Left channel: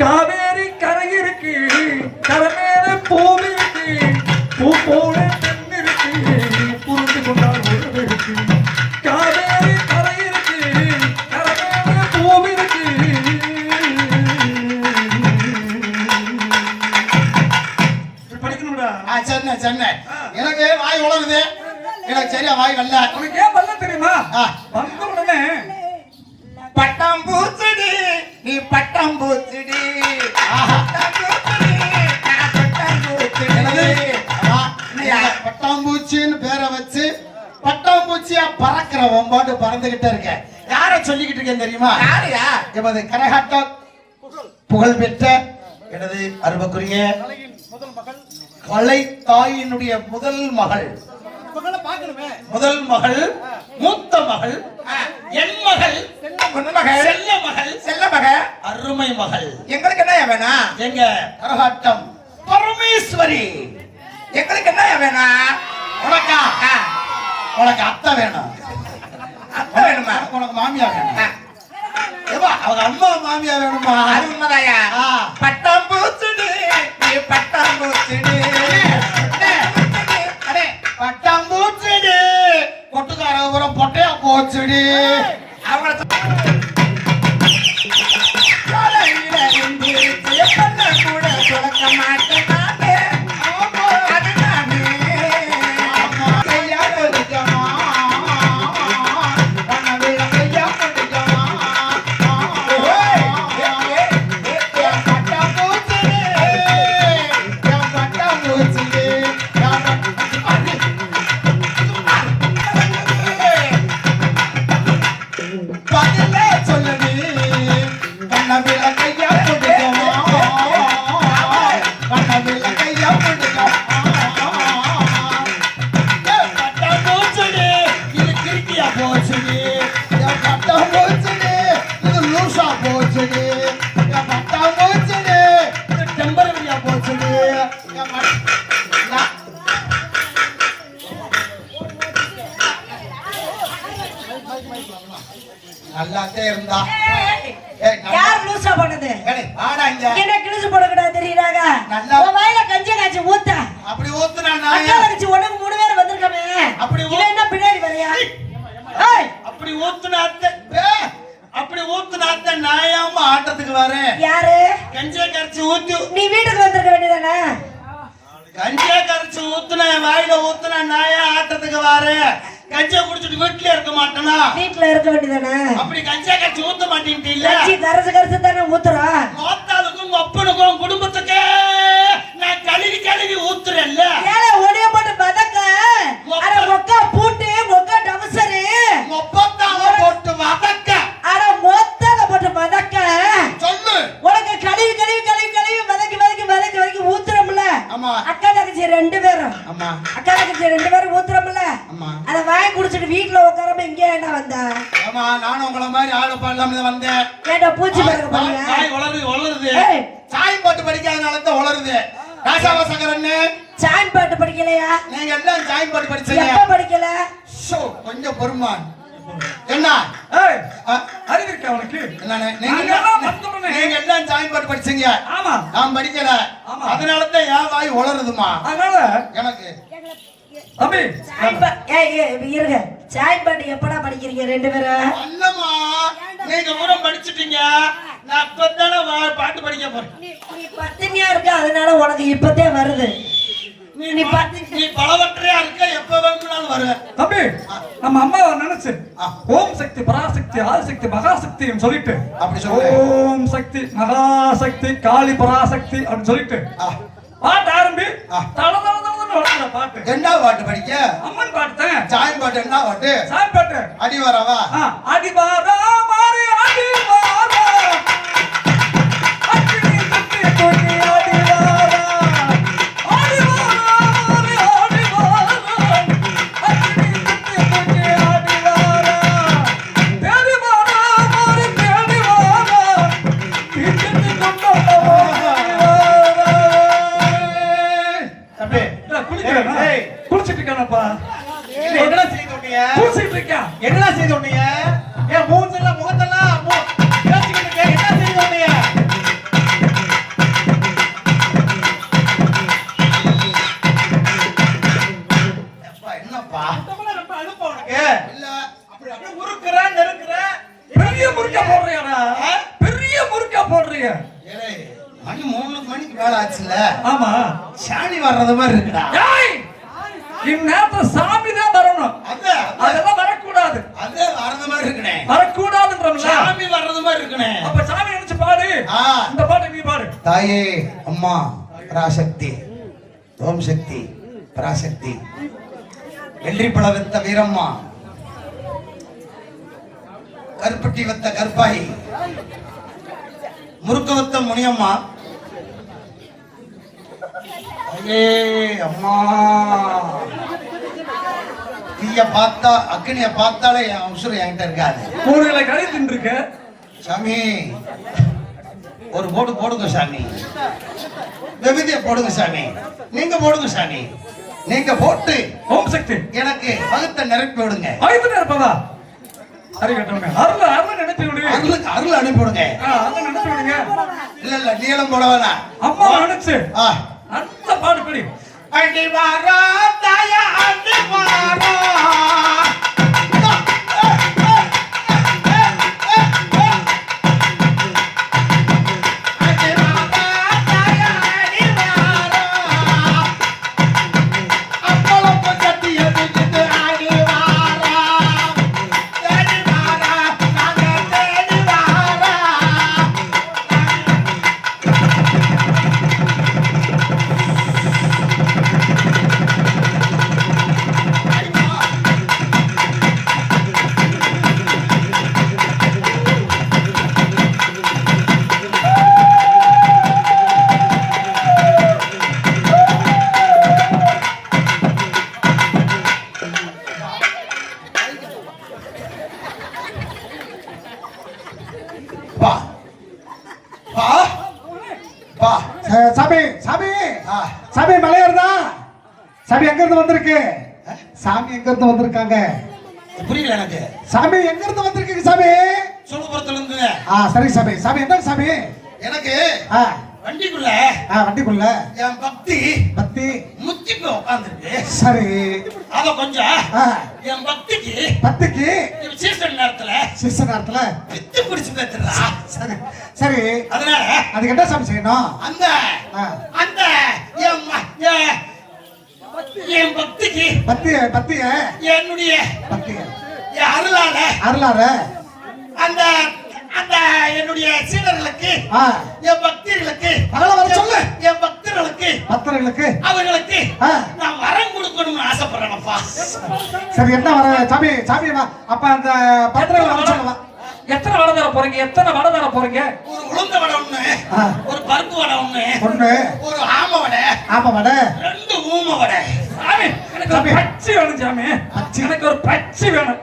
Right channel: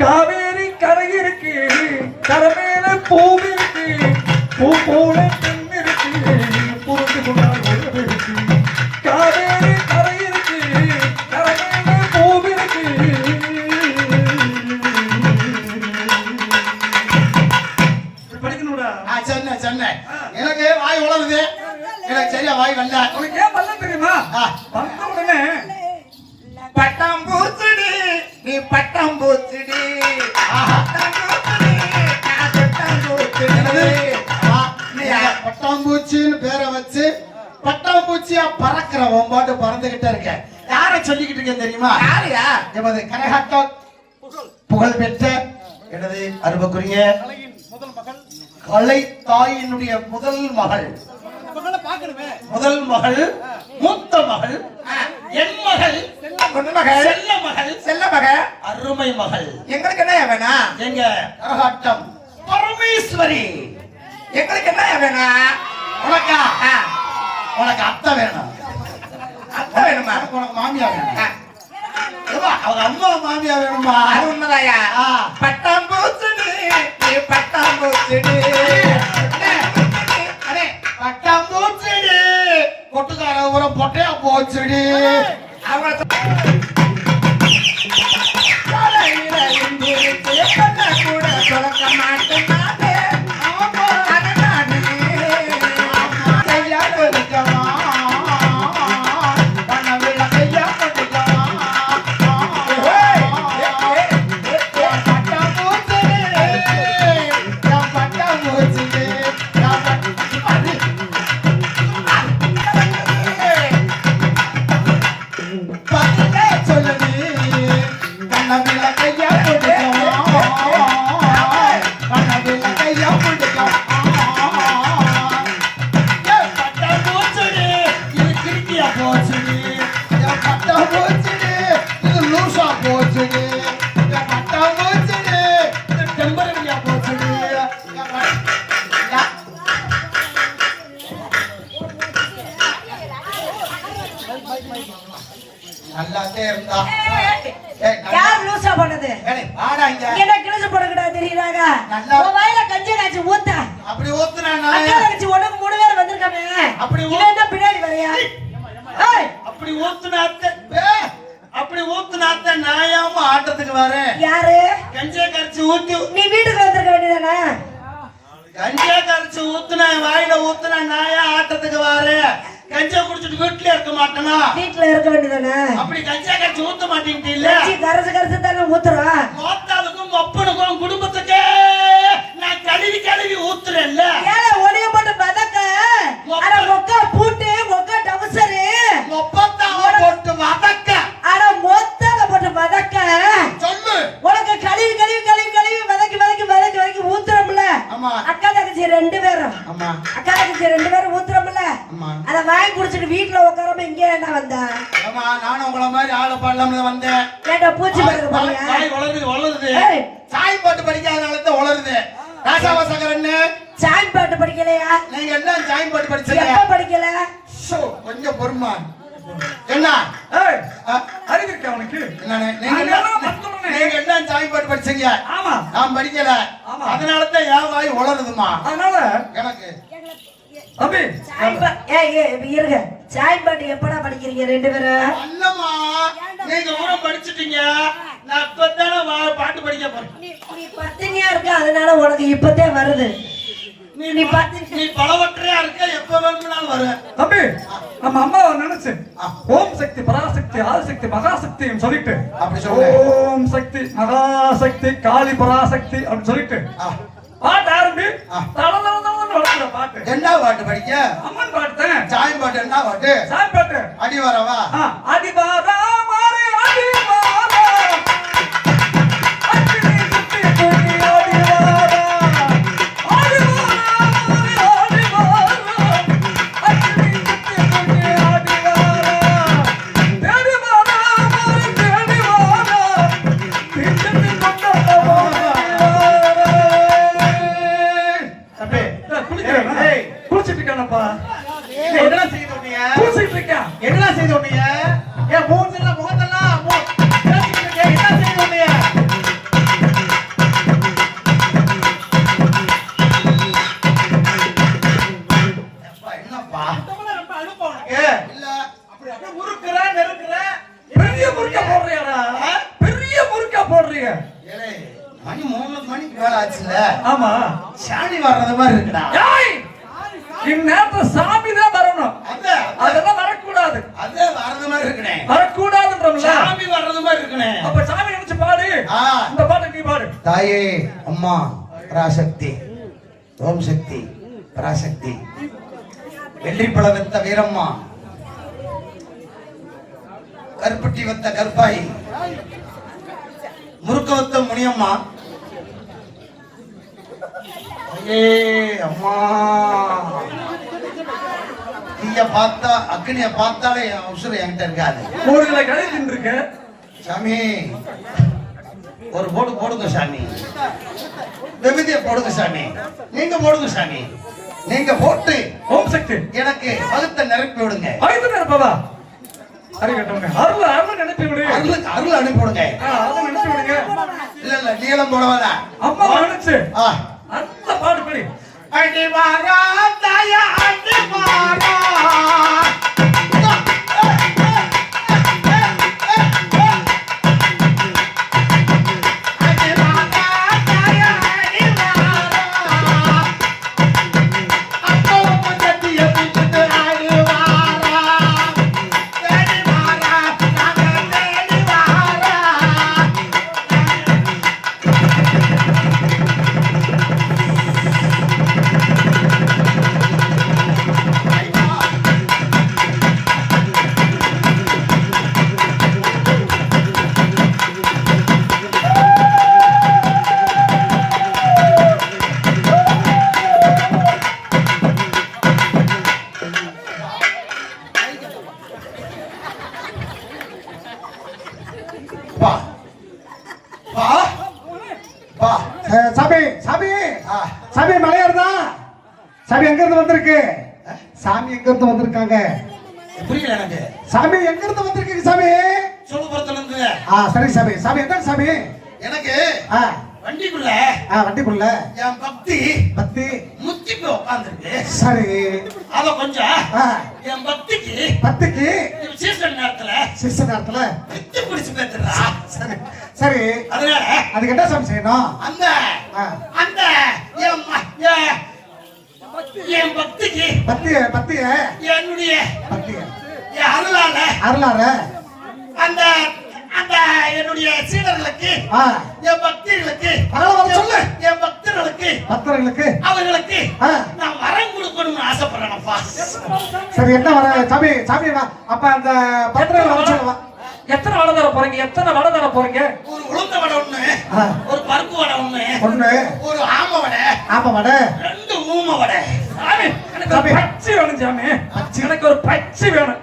காவேரி கரையிருக்கு கரமேல பூவிருக்கு பூ போல தென்னிருக்கு புரிந்து கொண்டால் இருக்கு காவேரி கரையிருக்கு கரமேல பூவிருக்கு படிக்கணும்டா. சென்னை சென்னை எனக்கு வாய் உளருது, எனக்கு சரியா வாய் வரல. உனக்கு ஏன் வரல தெரியுமா? வந்த உடனே பட்டம் பூச்சிடி நீ பட்டம் பூச்சிடி பட்டாம்பூச்சின்னு பேரை வச்சு பட்டாம்பூச்சியா பறக்கிற பாட்டு பறந்துகிட்டே இருக்க. யாரை சொல்லிக்கிட்டு இருக்கேன் தெரியுமா? யாரையா? எமது கரகாட்டம் புகழ் பெற்ற எனது அருமைக்குரிய முதல் மகள், கலை தாயினுடைய முதல் மகள், முதல் மகள், மூத்த மகள், என் மகள், செல்ல மகள், செல்ல மகள், அருமை மகள். எங்களுக்கு என்ன வேணா? எங்க கரகாட்டம் பரமேஸ்வரி. எங்களுக்கு என்ன வேணா? உனக்கா? உனக்கு அத்தை வேணும். அத்தை வேணுமா? உனக்கு மாமியா வேணும். அவங்க அம்மா மாமியா வேணுமா? அது உண்மைதாயா. பட்டாம் பூச்சிடு பட்டாம் பூச்சிடு பட்டாம் பூச்சிடு பொட்டுக்கார ஒரு பொட்டையா போச்சுடி. கூட சொல்ல மாட்டேன். ஆட்டத்துக்கு வரேன். யாரு? கஞ்சா கரைச்சு ஊத்து. நீ வீட்டுக்கு வந்திருக்க வேண்டியதானே? கஞ்சா கரைச்சு ஊத்துன வாயில ஊத்துன நாயா ஆட்டத்துக்கு வரேன். கஞ்சா குடிச்சிட்டு வீட்டுல இருக்க மாட்டேனா? வீட்டுல இருக்க வேண்டியதானே? அப்படி கஞ்சா கரைச்சு ஊத்த மாட்டேன்ட்டீல்ல? கரைச்சு கரைச்சு தானே ஊத்துறோம். மொத்தத்துக்கும் ஒப்பனுக்கும் குடும்பத்துக்கு நான் கழுவி கழுவி ஊத்துறேன்ல. ஏல ஒடிய போட்டு பதக்க அட மொக்க பூட்டு மொக்க டவுசரு மொப்பத்தால போட்டு வதக்க அட மொத்தல போட்டு வதக்க சொல்லு. உனக்கு கழுவி கழுவி கழுவி கழுவி வதக்கி வதக்கி வதக்கி வதக்கி ஊத்துறோம்ல. ஆமா. அக்கா தங்கச்சி ரெண்டு பேரும். ஆமா. அக்கா தங்கச்சி ரெண்டு பேரும் ஊத்துறோம்ல. ஆமா. அத வாங்கி குடிச்சிட்டு வீட்ல உட்காராம இங்க என்ன வந்த? ஆமா, நானும் உங்கள மாதிரி ஆள பாடலாம்னு வந்தேன். கேட்டா பூச்சி பறக்குது பாருங்க. சாய் வளருது வளருது. சாய் பாட்டு படிக்காதனால தான் வளருது. ராசாவா சங்கரண்ணே சாய் பாட்டு படிக்கலையா? நீங்க எல்லாம் சாய் பாட்டு படிச்சீங்க. எப்ப படிக்கல? சோ கொஞ்சம் பொறுமா. என்ன ஏய் அறிவு இருக்கு அவனுக்கு? நீங்க எல்லாம் சாய் பாட்டு படிச்சீங்க. ஆமா. நான் படிக்கல. அதனால தான் யா வாய் வளருதுமா. அதனால எனக்கு அபி சாய் பாட்டு இருங்க. சாய் பாட்டு எப்படா படிக்கிறீங்க ரெண்டு பேரும்? அல்லமா நீங்க கூட படிச்சிட்டீங்க. நான் இப்பதானே பாட்டு படிக்க போறேன். நீ பத்தினியா இருக்க, அதனால உனக்கு இப்பதே வருது. நீ பலவற்றையா இருக்க, எப்ப வேணும்னாலும் வருவேன். தம்பி நம்ம அம்மாவை நினைச்சு ஓம் சக்தி பராசக்தி ஆதிசக்தி மகாசக்தின்னு சொல்லிட்டு அப்படி சொல்லு. ஓம் சக்தி மகாசக்தி காளி பராசக்தி அப்படின்னு சொல்லிட்டு பாட்டு ஆரம்பி. பாட்டு என்ன பாட்டு படிக்க? அம்மன் பாட்டு. சாய் பாட்டு என்ன பாட்டு? சாய் பாட்டு. அடி வரவா? அடி வாரா மாறி அடி வாரா அடி சுத்தி குடி அடி வாரா அடி வாரா மாறி அடி வாரா அடி சுத்தி குடி அடி வாரா தேடி வாரா மாறி தேடி வாரா பிடிச்சு கொண்டா வாரா. குளிச்சிட்டு இருக்கேனப்பா. என்ன செய்து உன்னைய பூசிட்டு இருக்கேன். என்ன செய்து உன்னைய ஏன் மூஞ்செல்லாம் முகத்தெல்லாம் பேசிக்கிட்டு இருக்க என்ன செய்து உன்னைய என்னப்பா ரொம்ப அனுப்ப உனக்கு இல்ல அப்படி அப்படியே உருக்குற நெருக்குற பெரிய முறுக்க போடுறியாடா? பெரிய முறுக்க போடுறீங்க. ஏலே மணி 3 மணிக்கு வேலை ஆச்சுல. ஆமா, சாணி வர்றது மாதிரி இருக்குடா. ஏய், இந்நேரத்துல சாமி தான் வரணும். அதெல்லாம் வரக்கூடாது. அது வர்றது மாதிரி இருக்குனே. வரக்கூடாதுன்றோம்ல. சாமி வர்றது மாதிரி இருக்குனே. அப்ப சாமி நினைச்சு பாடு. இந்த பாட்டை நீ பாடு. தாயே அம்மா பராசக்தி, ஓம் சக்தி பராசக்தி, வெள்ளி பழ வெத்த வீரம்மா, கருப்பட்டி வெத்த கற்பாயி, முறுக்க வெத்த முனியம்மா, அம்மா தீய பார்த்தா அக்னிய பார்த்தாலே உசுறு என்கிட்ட இருக்காது. ஊர்களை கடை தின்றுக்க சாமி ஒரு போடு போடுங்க சாமி, விபதிய போடுங்க சாமி, நீங்க போடுங்க சாமி, நீங்க போட்டு ஓம் சக்தி எனக்கு அழுத்த நிரப்பி விடுங்க. ஆயுதம் இருப்பதா? அறிவிட்டோங்க. அருள் நினைச்சு விடு. அருள் அனுப்பி விடுங்க. அருள் நினைச்சு விடுங்க. இல்ல இல்ல நீளம் போடவனா அம்மா நினைச்சு அந்த பாடு படி. அடி வாரா தாயா அடி வாரா சாமி சாமி சாமி மலையாருதா? சாமி எங்க இருந்து வந்திருக்கு? சாமி எங்க இருந்து வந்திருக்காங்க? புரியல எனக்கு. சாமி எங்க இருந்து வந்திருக்கீங்க சாமி? சொல்லுபுரத்துல இருந்து. சரி சாமி. சாமி என்ன சாமி? எனக்கு வண்டிக்குள்ள வண்டிக்குள்ள என் பக்தி பக்தி முத்தி போய் உட்கார்ந்துருக்கு. சரி, அத கொஞ்சம் என் பக்திக்கு சீசன் நேரத்துல வித்து பிடிச்சு பேத்துறா. சரி, அதனால அதுக்கு என்ன சாமி செய்யணும்? அந்த அந்த என் பக்திக்கு பக்திய என்னுடைய பக்திய அருளால அந்த அந்த என்னுடைய சீடர்களுக்கு என் பக்தர்களுக்கு சொல்லு, என் பக்தர்களுக்கு அவர்களுக்கு நான் வரம் கொடுக்கணும்னு ஆசைப்படுறேன்ப்பா. சரி, என்ன வர சாமி? சாமி அப்ப அந்த பத்திரங்களை வர சொல்லலாம். எத்தனை வடை தர போறீங்க? எத்தனை வடை தர போறீங்க? ஒரு உளுந்த வடை ஒண்ணு, ஒரு பருப்பு வடை ஒண்ணு, ஒரு ஆம வடை, 2 ஊம வடை. சாமி எனக்கு ஒரு பச்சை வேணும் சாமி. எனக்கு ஒரு பச்சை வேணும்.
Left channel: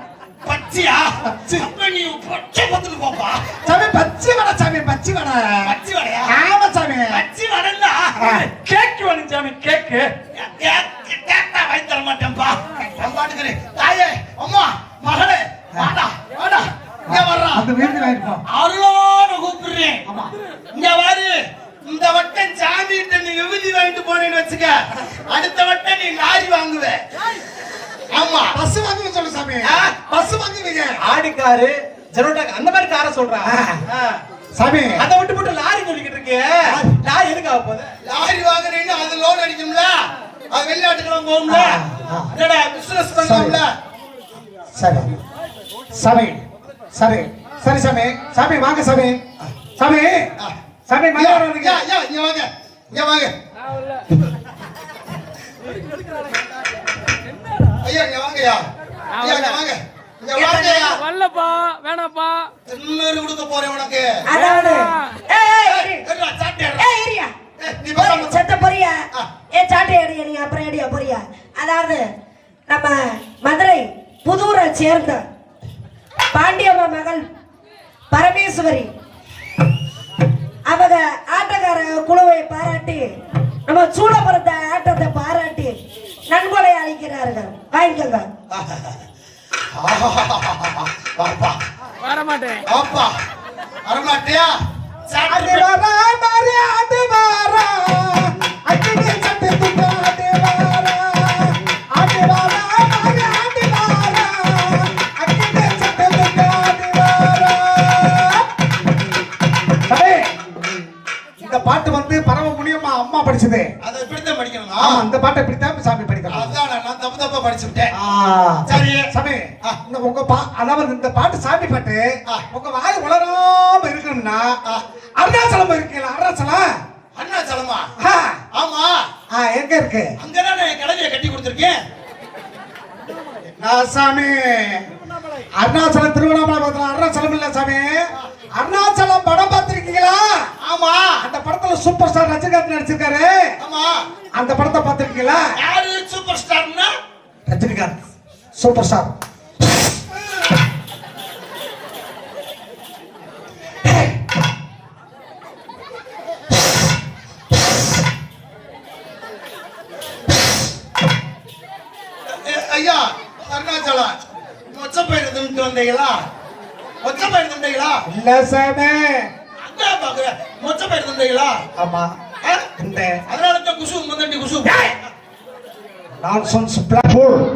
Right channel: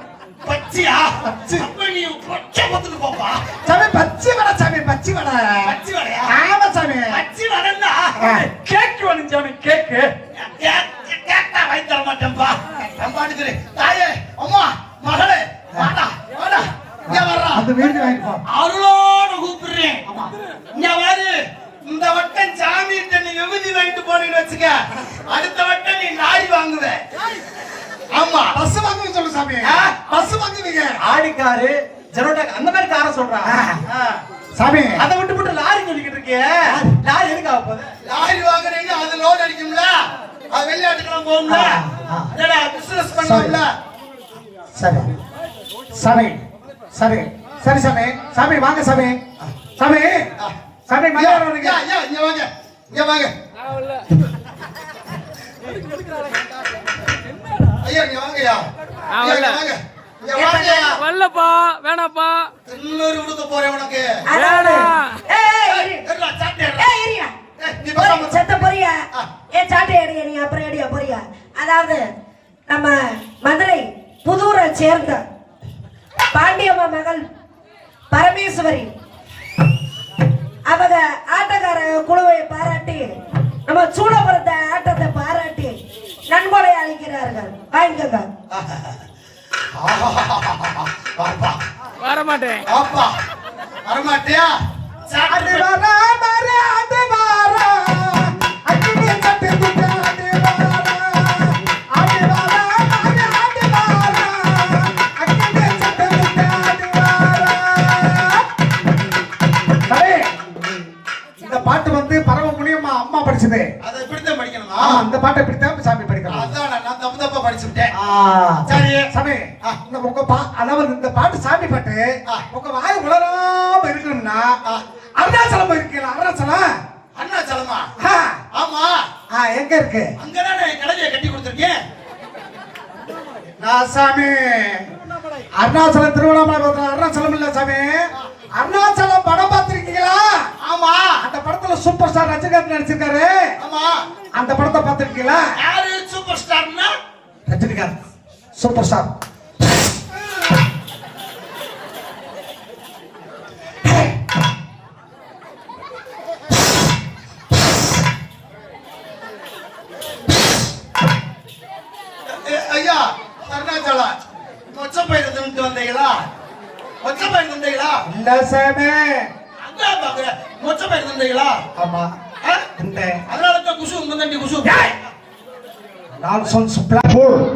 பச்சையா? அப்ப நீ பொட்டை பத்துக்கு போப்பா. சாமி பச்சை வடை சாமி, பச்சை வடையா? ஆமா சாமி, பச்சை வடைன்னா கேக் வேணும் சாமி. கேக்கு கேட்டா வாங்கி தர மாட்டேன்பா. அம்மாட்டுக்கு தாயே அம்மா மகளே வாடா வாடா இங்க வர்றா. அந்த வீட்டுல இருப்போம். அருளோட கூப்பிடுறேன். இங்க வாரு. இந்த வட்டம் சாமிகிட்ட நீ விபூதி வாங்கிட்டு போறேன்னு வச்சுக்க, அடுத்த வட்டம் நீ நாடி வாங்குவ. ஆமா, பஸ் வாங்குன்னு சொல்லு சாமி. பஸ் வாங்குவீங்க. ஆடிக்காரு ஜெரோடா அந்த மாதிரி காரை சொல்றா சாமி. அதை விட்டு லாரி சொல்லிக்கிட்டு இருக்கே. லாரி எதுக்கு ஆக போகுது? லாரி வாங்குறீங்கன்னா அது லோன் அடிக்கும்ல, அது வெளிநாட்டுக்கெல்லாம் போகும்ல, பிசினஸ் பண்ணுவோம்ல. சரி சாமி, சரி சரி சாமி. சாமி வாங்க சாமி. சாமி சாமி மலையாரம் இங்க வாங்க, இங்க வாங்க ஐயா, இங்க வாங்கயா. இங்க வாங்க, இங்க வாங்க. வல்லப்பா வேணாப்பா, தின்னூறு கொடுக்க போறேன் உனக்கு. அதாவது நம்ம மதுரை புதூரை சேர்ந்த பாண்டியம்மா மகள் பரமேஸ்வரி அவங்க ஆட்டக்கார குழுவை பாராட்டி, நம்ம சூடபுரத்தை ஆட்டத்தை பாராட்டி நண்பனை அழைக்கிறார்கள் வாங்கிக்கோங்க. வாப்பா வர மாட்டேன். வாப்பா வரமாட்டியா? அது வரா மரே அது வரா அக்கினி சட்டை துட்டு அது வரா அது வரா மரே அது வரா அக்கினி சட்டை துட்டு அது வரா. அரே இந்த பாட்டு வந்து பரம முனியம்மா அம்மா படிச்சது. அதை இப்படித்தான் படிக்கணுமா? ஆமா இந்த பாட்டை இப்படித்தான் சாமி படிக்கலாம். அதான் நான் தப்பு தப்பா படிச்சுட்டேன். சரி சாமி இந்த உங்க அதாவது இந்த பாட்டு சாமி பாட்டு உங்க வாய் உளராம இருக்கணும்னா அருணாச்சலம் இருக்கீங்களா? அருணாச்சலம் அருணாச்சலமா? ஆ, ஆமா, எங்க இருக்கு? அங்கதான் நான் கடையை கட்டி கொடுத்துருக்கேன். நான் சாமி அருணாச்சலம் திருவண்ணாமலை பக்கத்துல அருணாச்சலம் இல்ல சாமி. அருணாச்சலம் படம் பார்த்திருக்கீங்களா? ஆமா, அந்த படத்துல சூப்பர் ஸ்டார் ரஜினிகாந்த் நடிச்சிருக்காரு. ஆமா. அந்த படத்தை பார்த்திருக்கீங்களா? யாரு சூப்பர் ஸ்டார்னா? Rajinikanth superstar. ஐயா அருணாச்சலம் மொச்சப்பயிர் தின்ட்டு வந்தீங்களா? மொச்சப்பயிர் தின்றீங்களா? இல்ல சாமி. அதான் பாக்குறேன். மொச்சப்பயிர் தின்றீங்களா? ஆமா ஆ? இந்த அதனால தான் குசு முதண்டி குசு. நான்சென்ஸ் பிளாட்ஃபார்ம்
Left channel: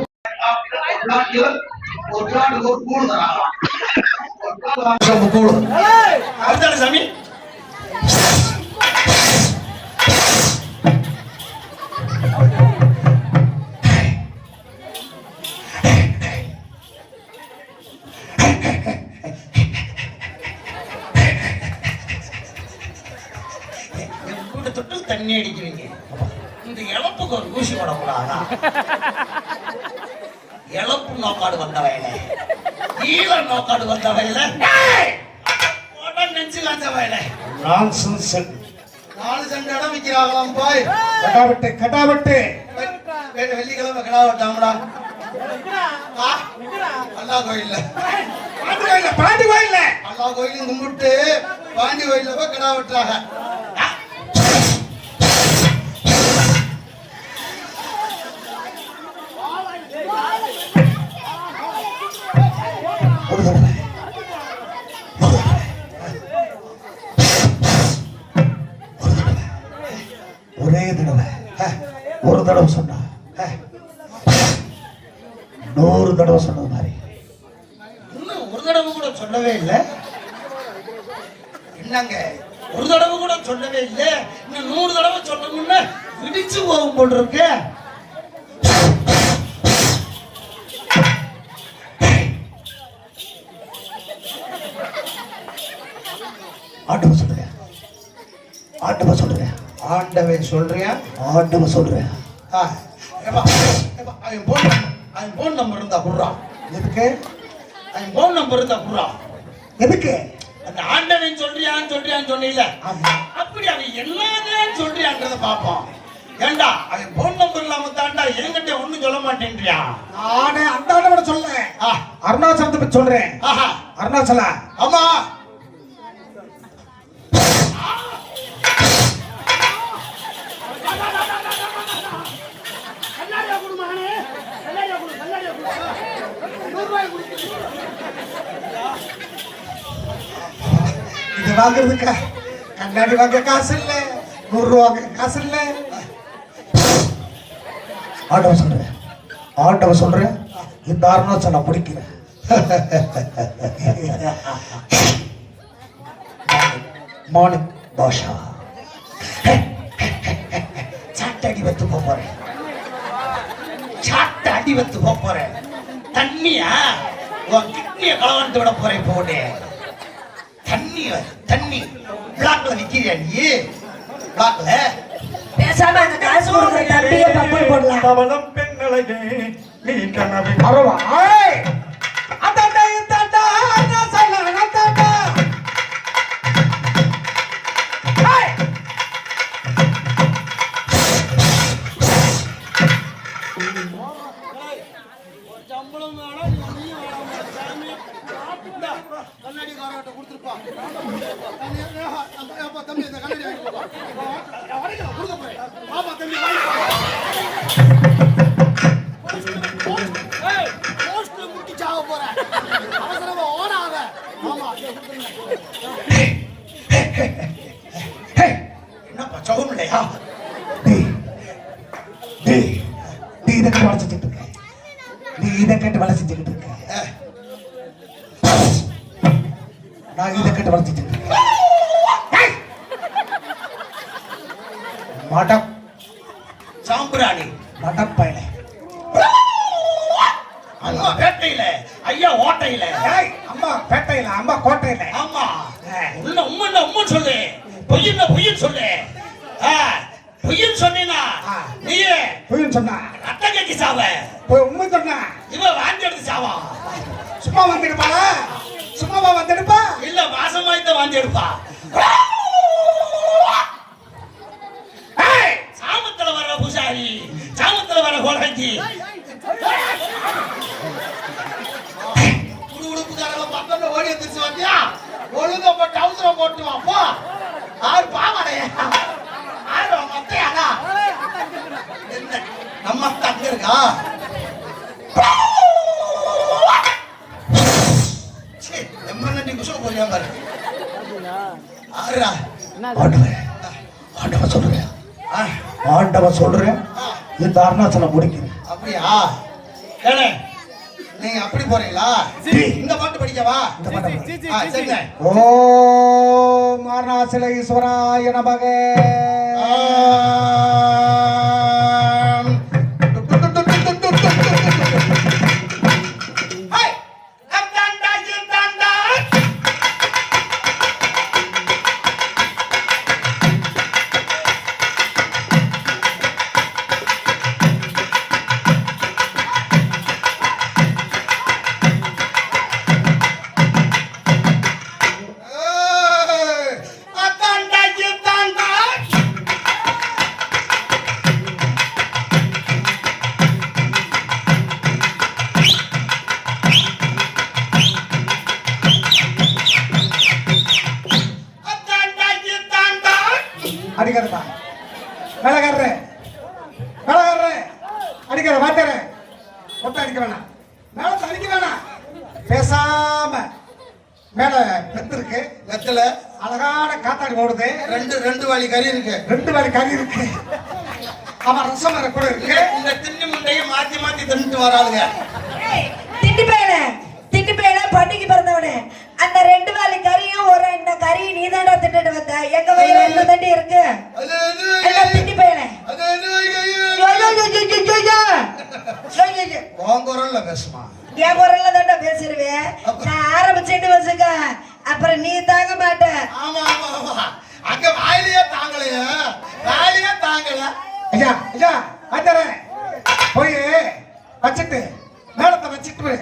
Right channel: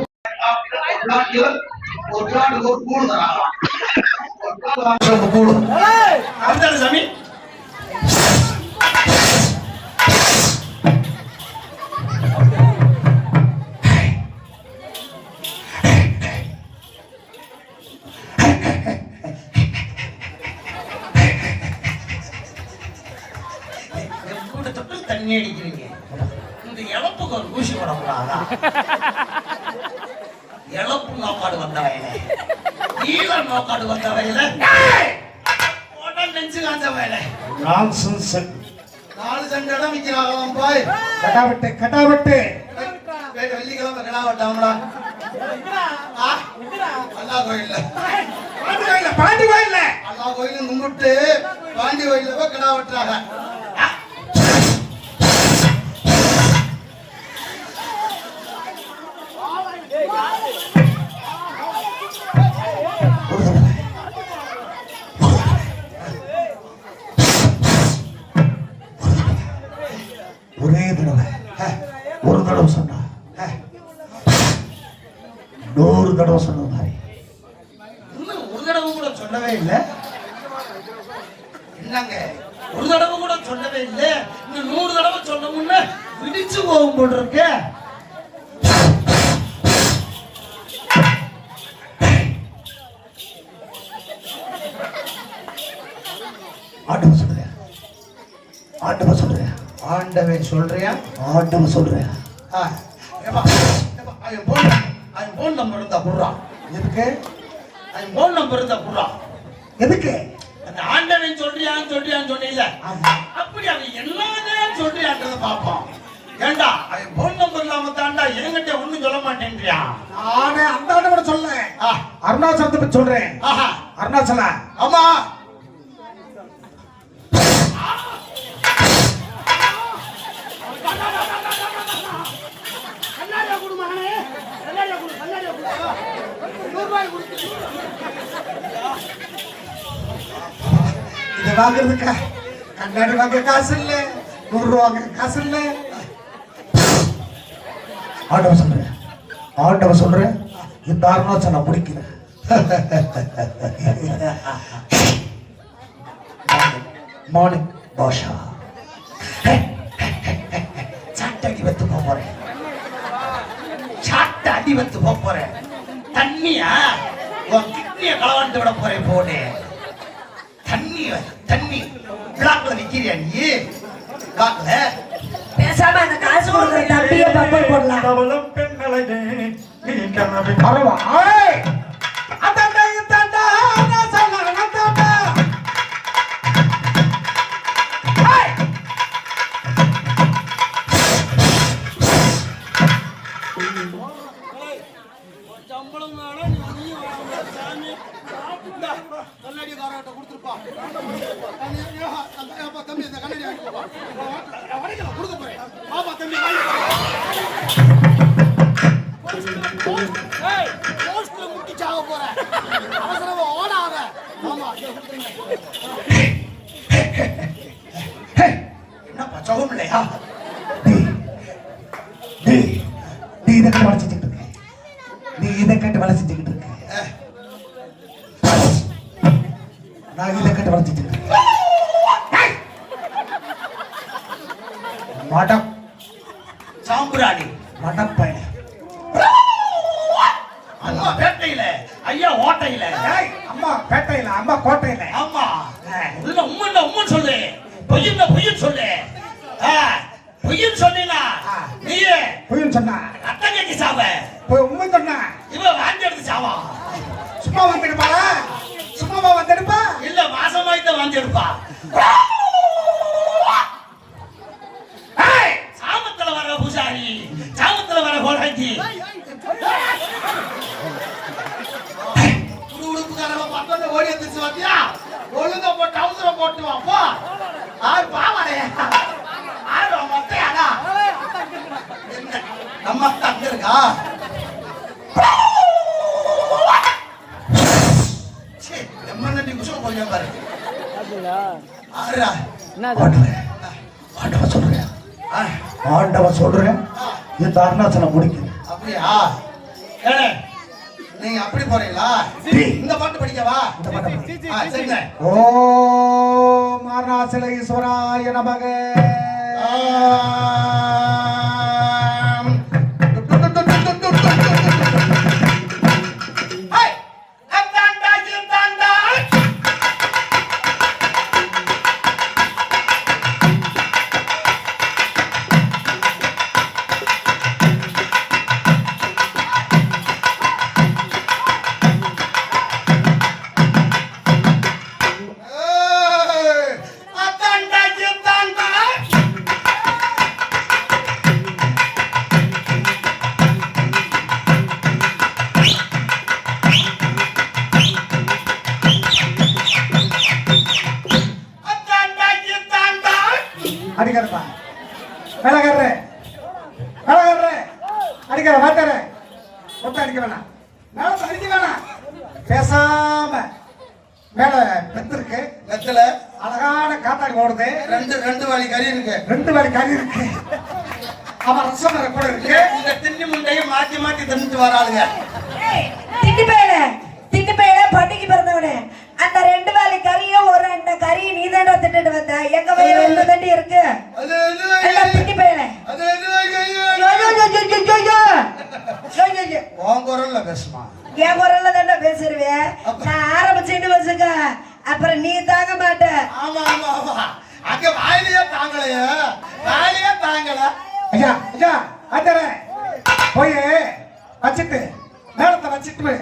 அதுதானே சாமி? கூட தொட்டு தண்ணி அடிக்கிறீங்க. இந்த இழப்புக்கு ஒரு ஊசி போடக்கூடாதா? இழப்பு நோக்காடு வந்த வயல, ஈழ நோக்காடு வந்த வயல, நெஞ்சு காஞ்ச வயல. நான்சென்ஸ். 4 சென்ட் இடம் விற்கிறாங்களாம் போய். கட்டாவட்டு கட்டாவட்டு வெள்ளிக்கிழமை கிடா வெட்டாங்களா? அல்லா கோயில்ல பாண்டி கோயில்ல அல்லா கோயிலும் கும்பிட்டு பாண்டி கோயில்ல போய் கிடா வெட்டுறாங்க. ஒரே தடவை ஒரு தடவை சொன்னா 100 தடவை சொன்ன மாதிரி. இன்னும் ஒரு தடவை கூட சொல்லவே இல்லை. என்னங்க ஒரு தடவை கூட சொல்லவே இல்லை. இன்னும் 100 தடவை சொன்னோம்னா விடிச்சு போகும் போல் இருக்கு. ஆண்டவன் சொல்றியா? ஆண்டவன் சொல்றியா? ஆண்டவன் சொல்றியா? ஆண்டவன் சொல்றியா? அவன் போன் நம்பர் இருந்தா குடுறா. எதுக்கு? அவன் போன் நம்பர் இருந்தா குடுறா. எதுக்கு? அந்த ஆண்டவன் சொல்றியான்னு சொன்னீங்க. அப்படி அவன் என்னன்னு சொல்றியான்றத பாப்போம். ஏண்டா அவன் போன் நம்பர் இல்லாம தாண்டா என்கிட்ட ஒண்ணும் சொல்ல மாட்டேன்றியா? நானே அந்த ஆண்டவனை சொல்றேன். அருணாச்சலத்தை பத்தி சொல்றேன். அருணாச்சலம். ஆமா, இது வாங்குறதுக்கு கண்ணாடி வாங்க காசு இல்ல, 100 ரூபா வாங்க காசு இல்ல. ஆண்டவன் சொல்றேன். ஆண்டவன் சொல்றேன். இந்த அருணாச்சலம் பிடிக்கிறேன். மார்னிங் பாஷா சாட்டை அடி வத்து போறேன். சாட்டை அடி வத்து போறேன். தண்ணியா உன் கிட்னிய களவாண்டு விட போறேன். போடு தண்ணி பிளாக்ல நிக்கிறியா நீ? பிளாக்ல பேசாம அந்த காசு கொடுக்குற தம்பியை பப்பல் போடலாம். பவளம் பெண்களே நீ கனவை அரவா ஏய் அடடே தடா நான் சொல்லன தடா ஏய் சம்பளம் வேணா நீ வேணாமா சாமி? கண்ணாடி காரட்ட கொடுத்துருப்பா. தம்பி இந்த கண்ணாடி வாங்கி கொடுப்பா. கொடுக்க போறேன். பாப்பா தம்பி வாங்கி போஸ்ட்ல முட்டி சாக போற அவசரமா ஓடாத ஆமா என்னப்பா சவுண்ட் இல்லையா நீ இதை வளை செஞ்சுட்டு இருக்க நீ இதை கேட்டு வளை செஞ்சுக்கிட்டு இருக்க நான் இதை கேட்டு வளை செஞ்சுட்டு இருக்கேன் மடம் சாம்பிராணி மடப்பயல அம்மா பேட்டையில ஐயா ஓட்டையில அம்மா பேட்டையில அம்மா கோட்டையில ஆமா உள்ள உம்மன் சொல்லு பொய்யும் சொல்லு பொய்யும் சொன்னா நீயே பொய்ன்னு சொன்னா அத்தை கட்டி சாவ உண்மை சொன்னா இவன் வாந்தி எடுத்து சாவா சும்மா வந்துடுப்பா சும்மாவா வந்துடுப்பா இல்ல மாசமாய்த்த வாந்தி எடுப்பா சாமத்துல வர பூசாரி சாமத்துல வர கோடாஞ்சி உடுப்புக்காரங்க பக்கத்துல ஓடி வந்துச்சு வாத்தியா ஒழுங்கா போட்டு அவசரம் போட்டு வாப்பா ஆறு பாவாடையா ஆறு மொத்தையாடா நம்ம அங்க இருக்கா நிமிஷம் போறியா பாரு ஆறா ஆண்டவன் சொல்றேன் இந்த அருணாச்சலம் முடிக்குது அப்படியா நீங்க அப்படி போறீங்களா இந்த பாட்டு படிக்கவா சரிங்க ஓம் அருணாச்சல ஈஸ்வராய நமக அடிக்கிறப்பா வேலைக்காரரு அடிக்கிற மாட்டாரு ஒட்ட அடிக்க வேணாம் மேலத்தை அடிக்க வேணாம் பேசாம மேல வெத்து இருக்கு வெத்தல அழகான காத்தாடி ஓடுது ரெண்டு வாளி கறி இருக்கு 2 வாரி கறி இருக்கு ஆமா ரசம் வேற கூட இருக்கு இந்த திண்ணி முண்டையை மாத்தி மாத்தி தின்னுட்டு வராளுங்க திட்டு பேல பண்டிகை பிறந்தவனே அந்த 2 வாலி கறியும் ஒரு 2 கறி நீ தானே திட்டுட்டு வந்த எங்க வயிறு 2 தண்டி இருக்கு திட்டு பேல குரல்ல பேசுமா என் குரல்ல தானே பேசுருவேன் நான் ஆரம்பிச்சுட்டு வச்சுக்க அப்புறம் நீ தாங்க மாட்ட ஆமா ஆமா ஆமா அங்க வாயிலேயே தாங்கல ஐயா வந்துறே போய் வச்சிட்டு மேலத்தை வச்சிட்டு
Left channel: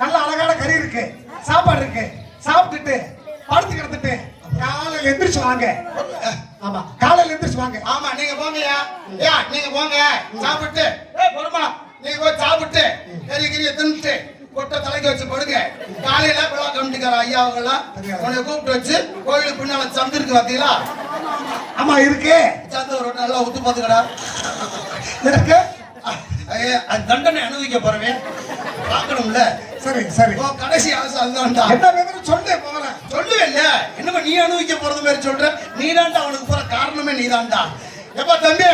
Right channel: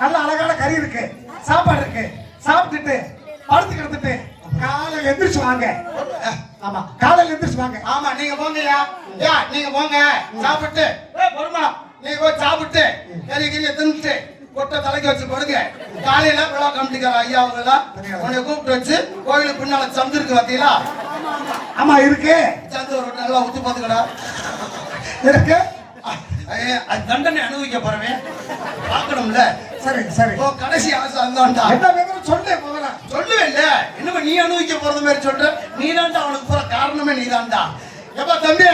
நல்ல அழகான கறி இருக்கு சாப்பாடு இருக்கு சாப்பிட்டுட்டு படுத்து கிடந்துட்டு காலையில எந்திரிச்சு வாங்க ஆமா காலையில எந்திரிச்சு வாங்க ஆமா நீங்க போங்கயா நீங்க போங்க சாப்பிட்டு பொறுமா நீங்க போய் சாப்பிட்டு கறி கறியை தின்னுட்டு கொட்டை தலைக்கு வச்சு படுங்க காலையில விழா கமிட்டிக்கார ஐயா அவங்கெல்லாம் உன்னை கூப்பிட்டு வச்சு கோயிலுக்கு பின்னால சந்து இருக்கு பாத்தீங்களா ஆமா இருக்கு சந்து ஒரு நல்லா ஊத்து பாத்துக்கடா இருக்கு அது தண்டனை அனுபவிக்க போறவேன் பார்க்கணும்ல சரி கடைசி ஆசை அதுதான்டா என்ன வேணும் சொல்லு முதல்ல சொல்லுவேன் என்னமா நீ அனுபவிக்க போறது மாதிரி சொல்ற நீ தான்டா அவனுக்கு போற காரணமே நீ தான்டா எப்ப தம்பி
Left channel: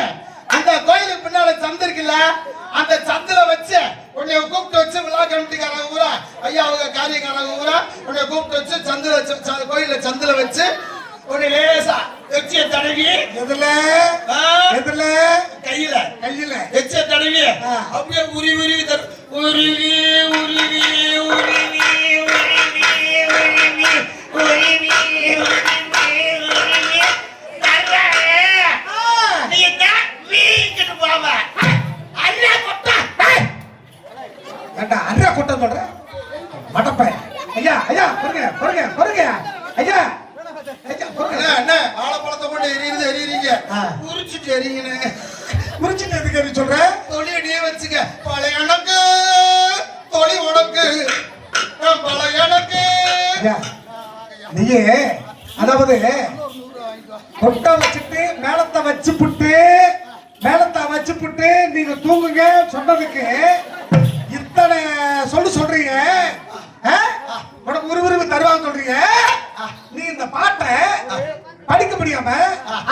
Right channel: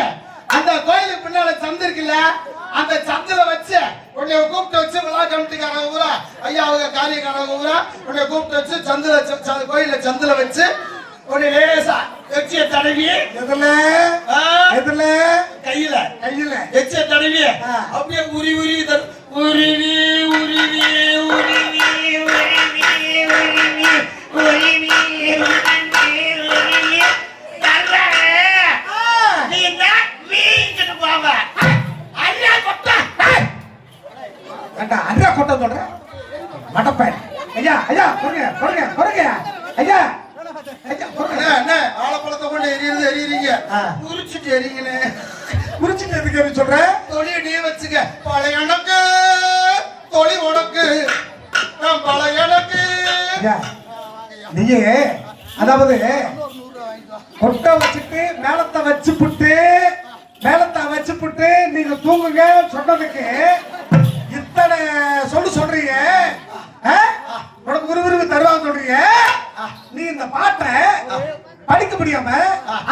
அந்த கோயிலுக்கு பின்னால சந்து இருக்குல்ல அந்த சந்தில வச்சு உன்னை கூப்பிட்டு வச்சு விழா கமிட்டிக்காரங்க ஊரா ஐயா அவங்க காரியக்காரங்க ஊரா உன்னை கூப்பிட்டு வச்சு சந்தில கோயில சந்தில வச்சு உன்னை லேசா எச்சிய தடவி எதுல கையில கையில எச்சிய தடவி அப்படியே உருவி அண்ணா கொட்டம் சொல்ற மடப்பேன் ஐயா பொறுங்க ஐயா ஆலப்பழத்தை கொண்டு எரியுறீங்க உரிச்சிட்டு எரிங்கன்னு உரிச்சிட்டு எதுக்கு சொல்ற தொழில் நீ வச்சுக்க பழைய எனக்கு தொழி உனக்கு பழைய எனக்கு நீயே அதாவது கொட்டை வச்சுட்டு மேலத்தை வச்சு புட்டு நீங்க தூங்குங்க சொன்னதுக்கு தருவான்னு சொல்றீங்க, உனக்கு விறுவிறுப்பு தருவான்னு சொல்றீங்க. நீ இந்த பாட்டை படிக்க முடியாம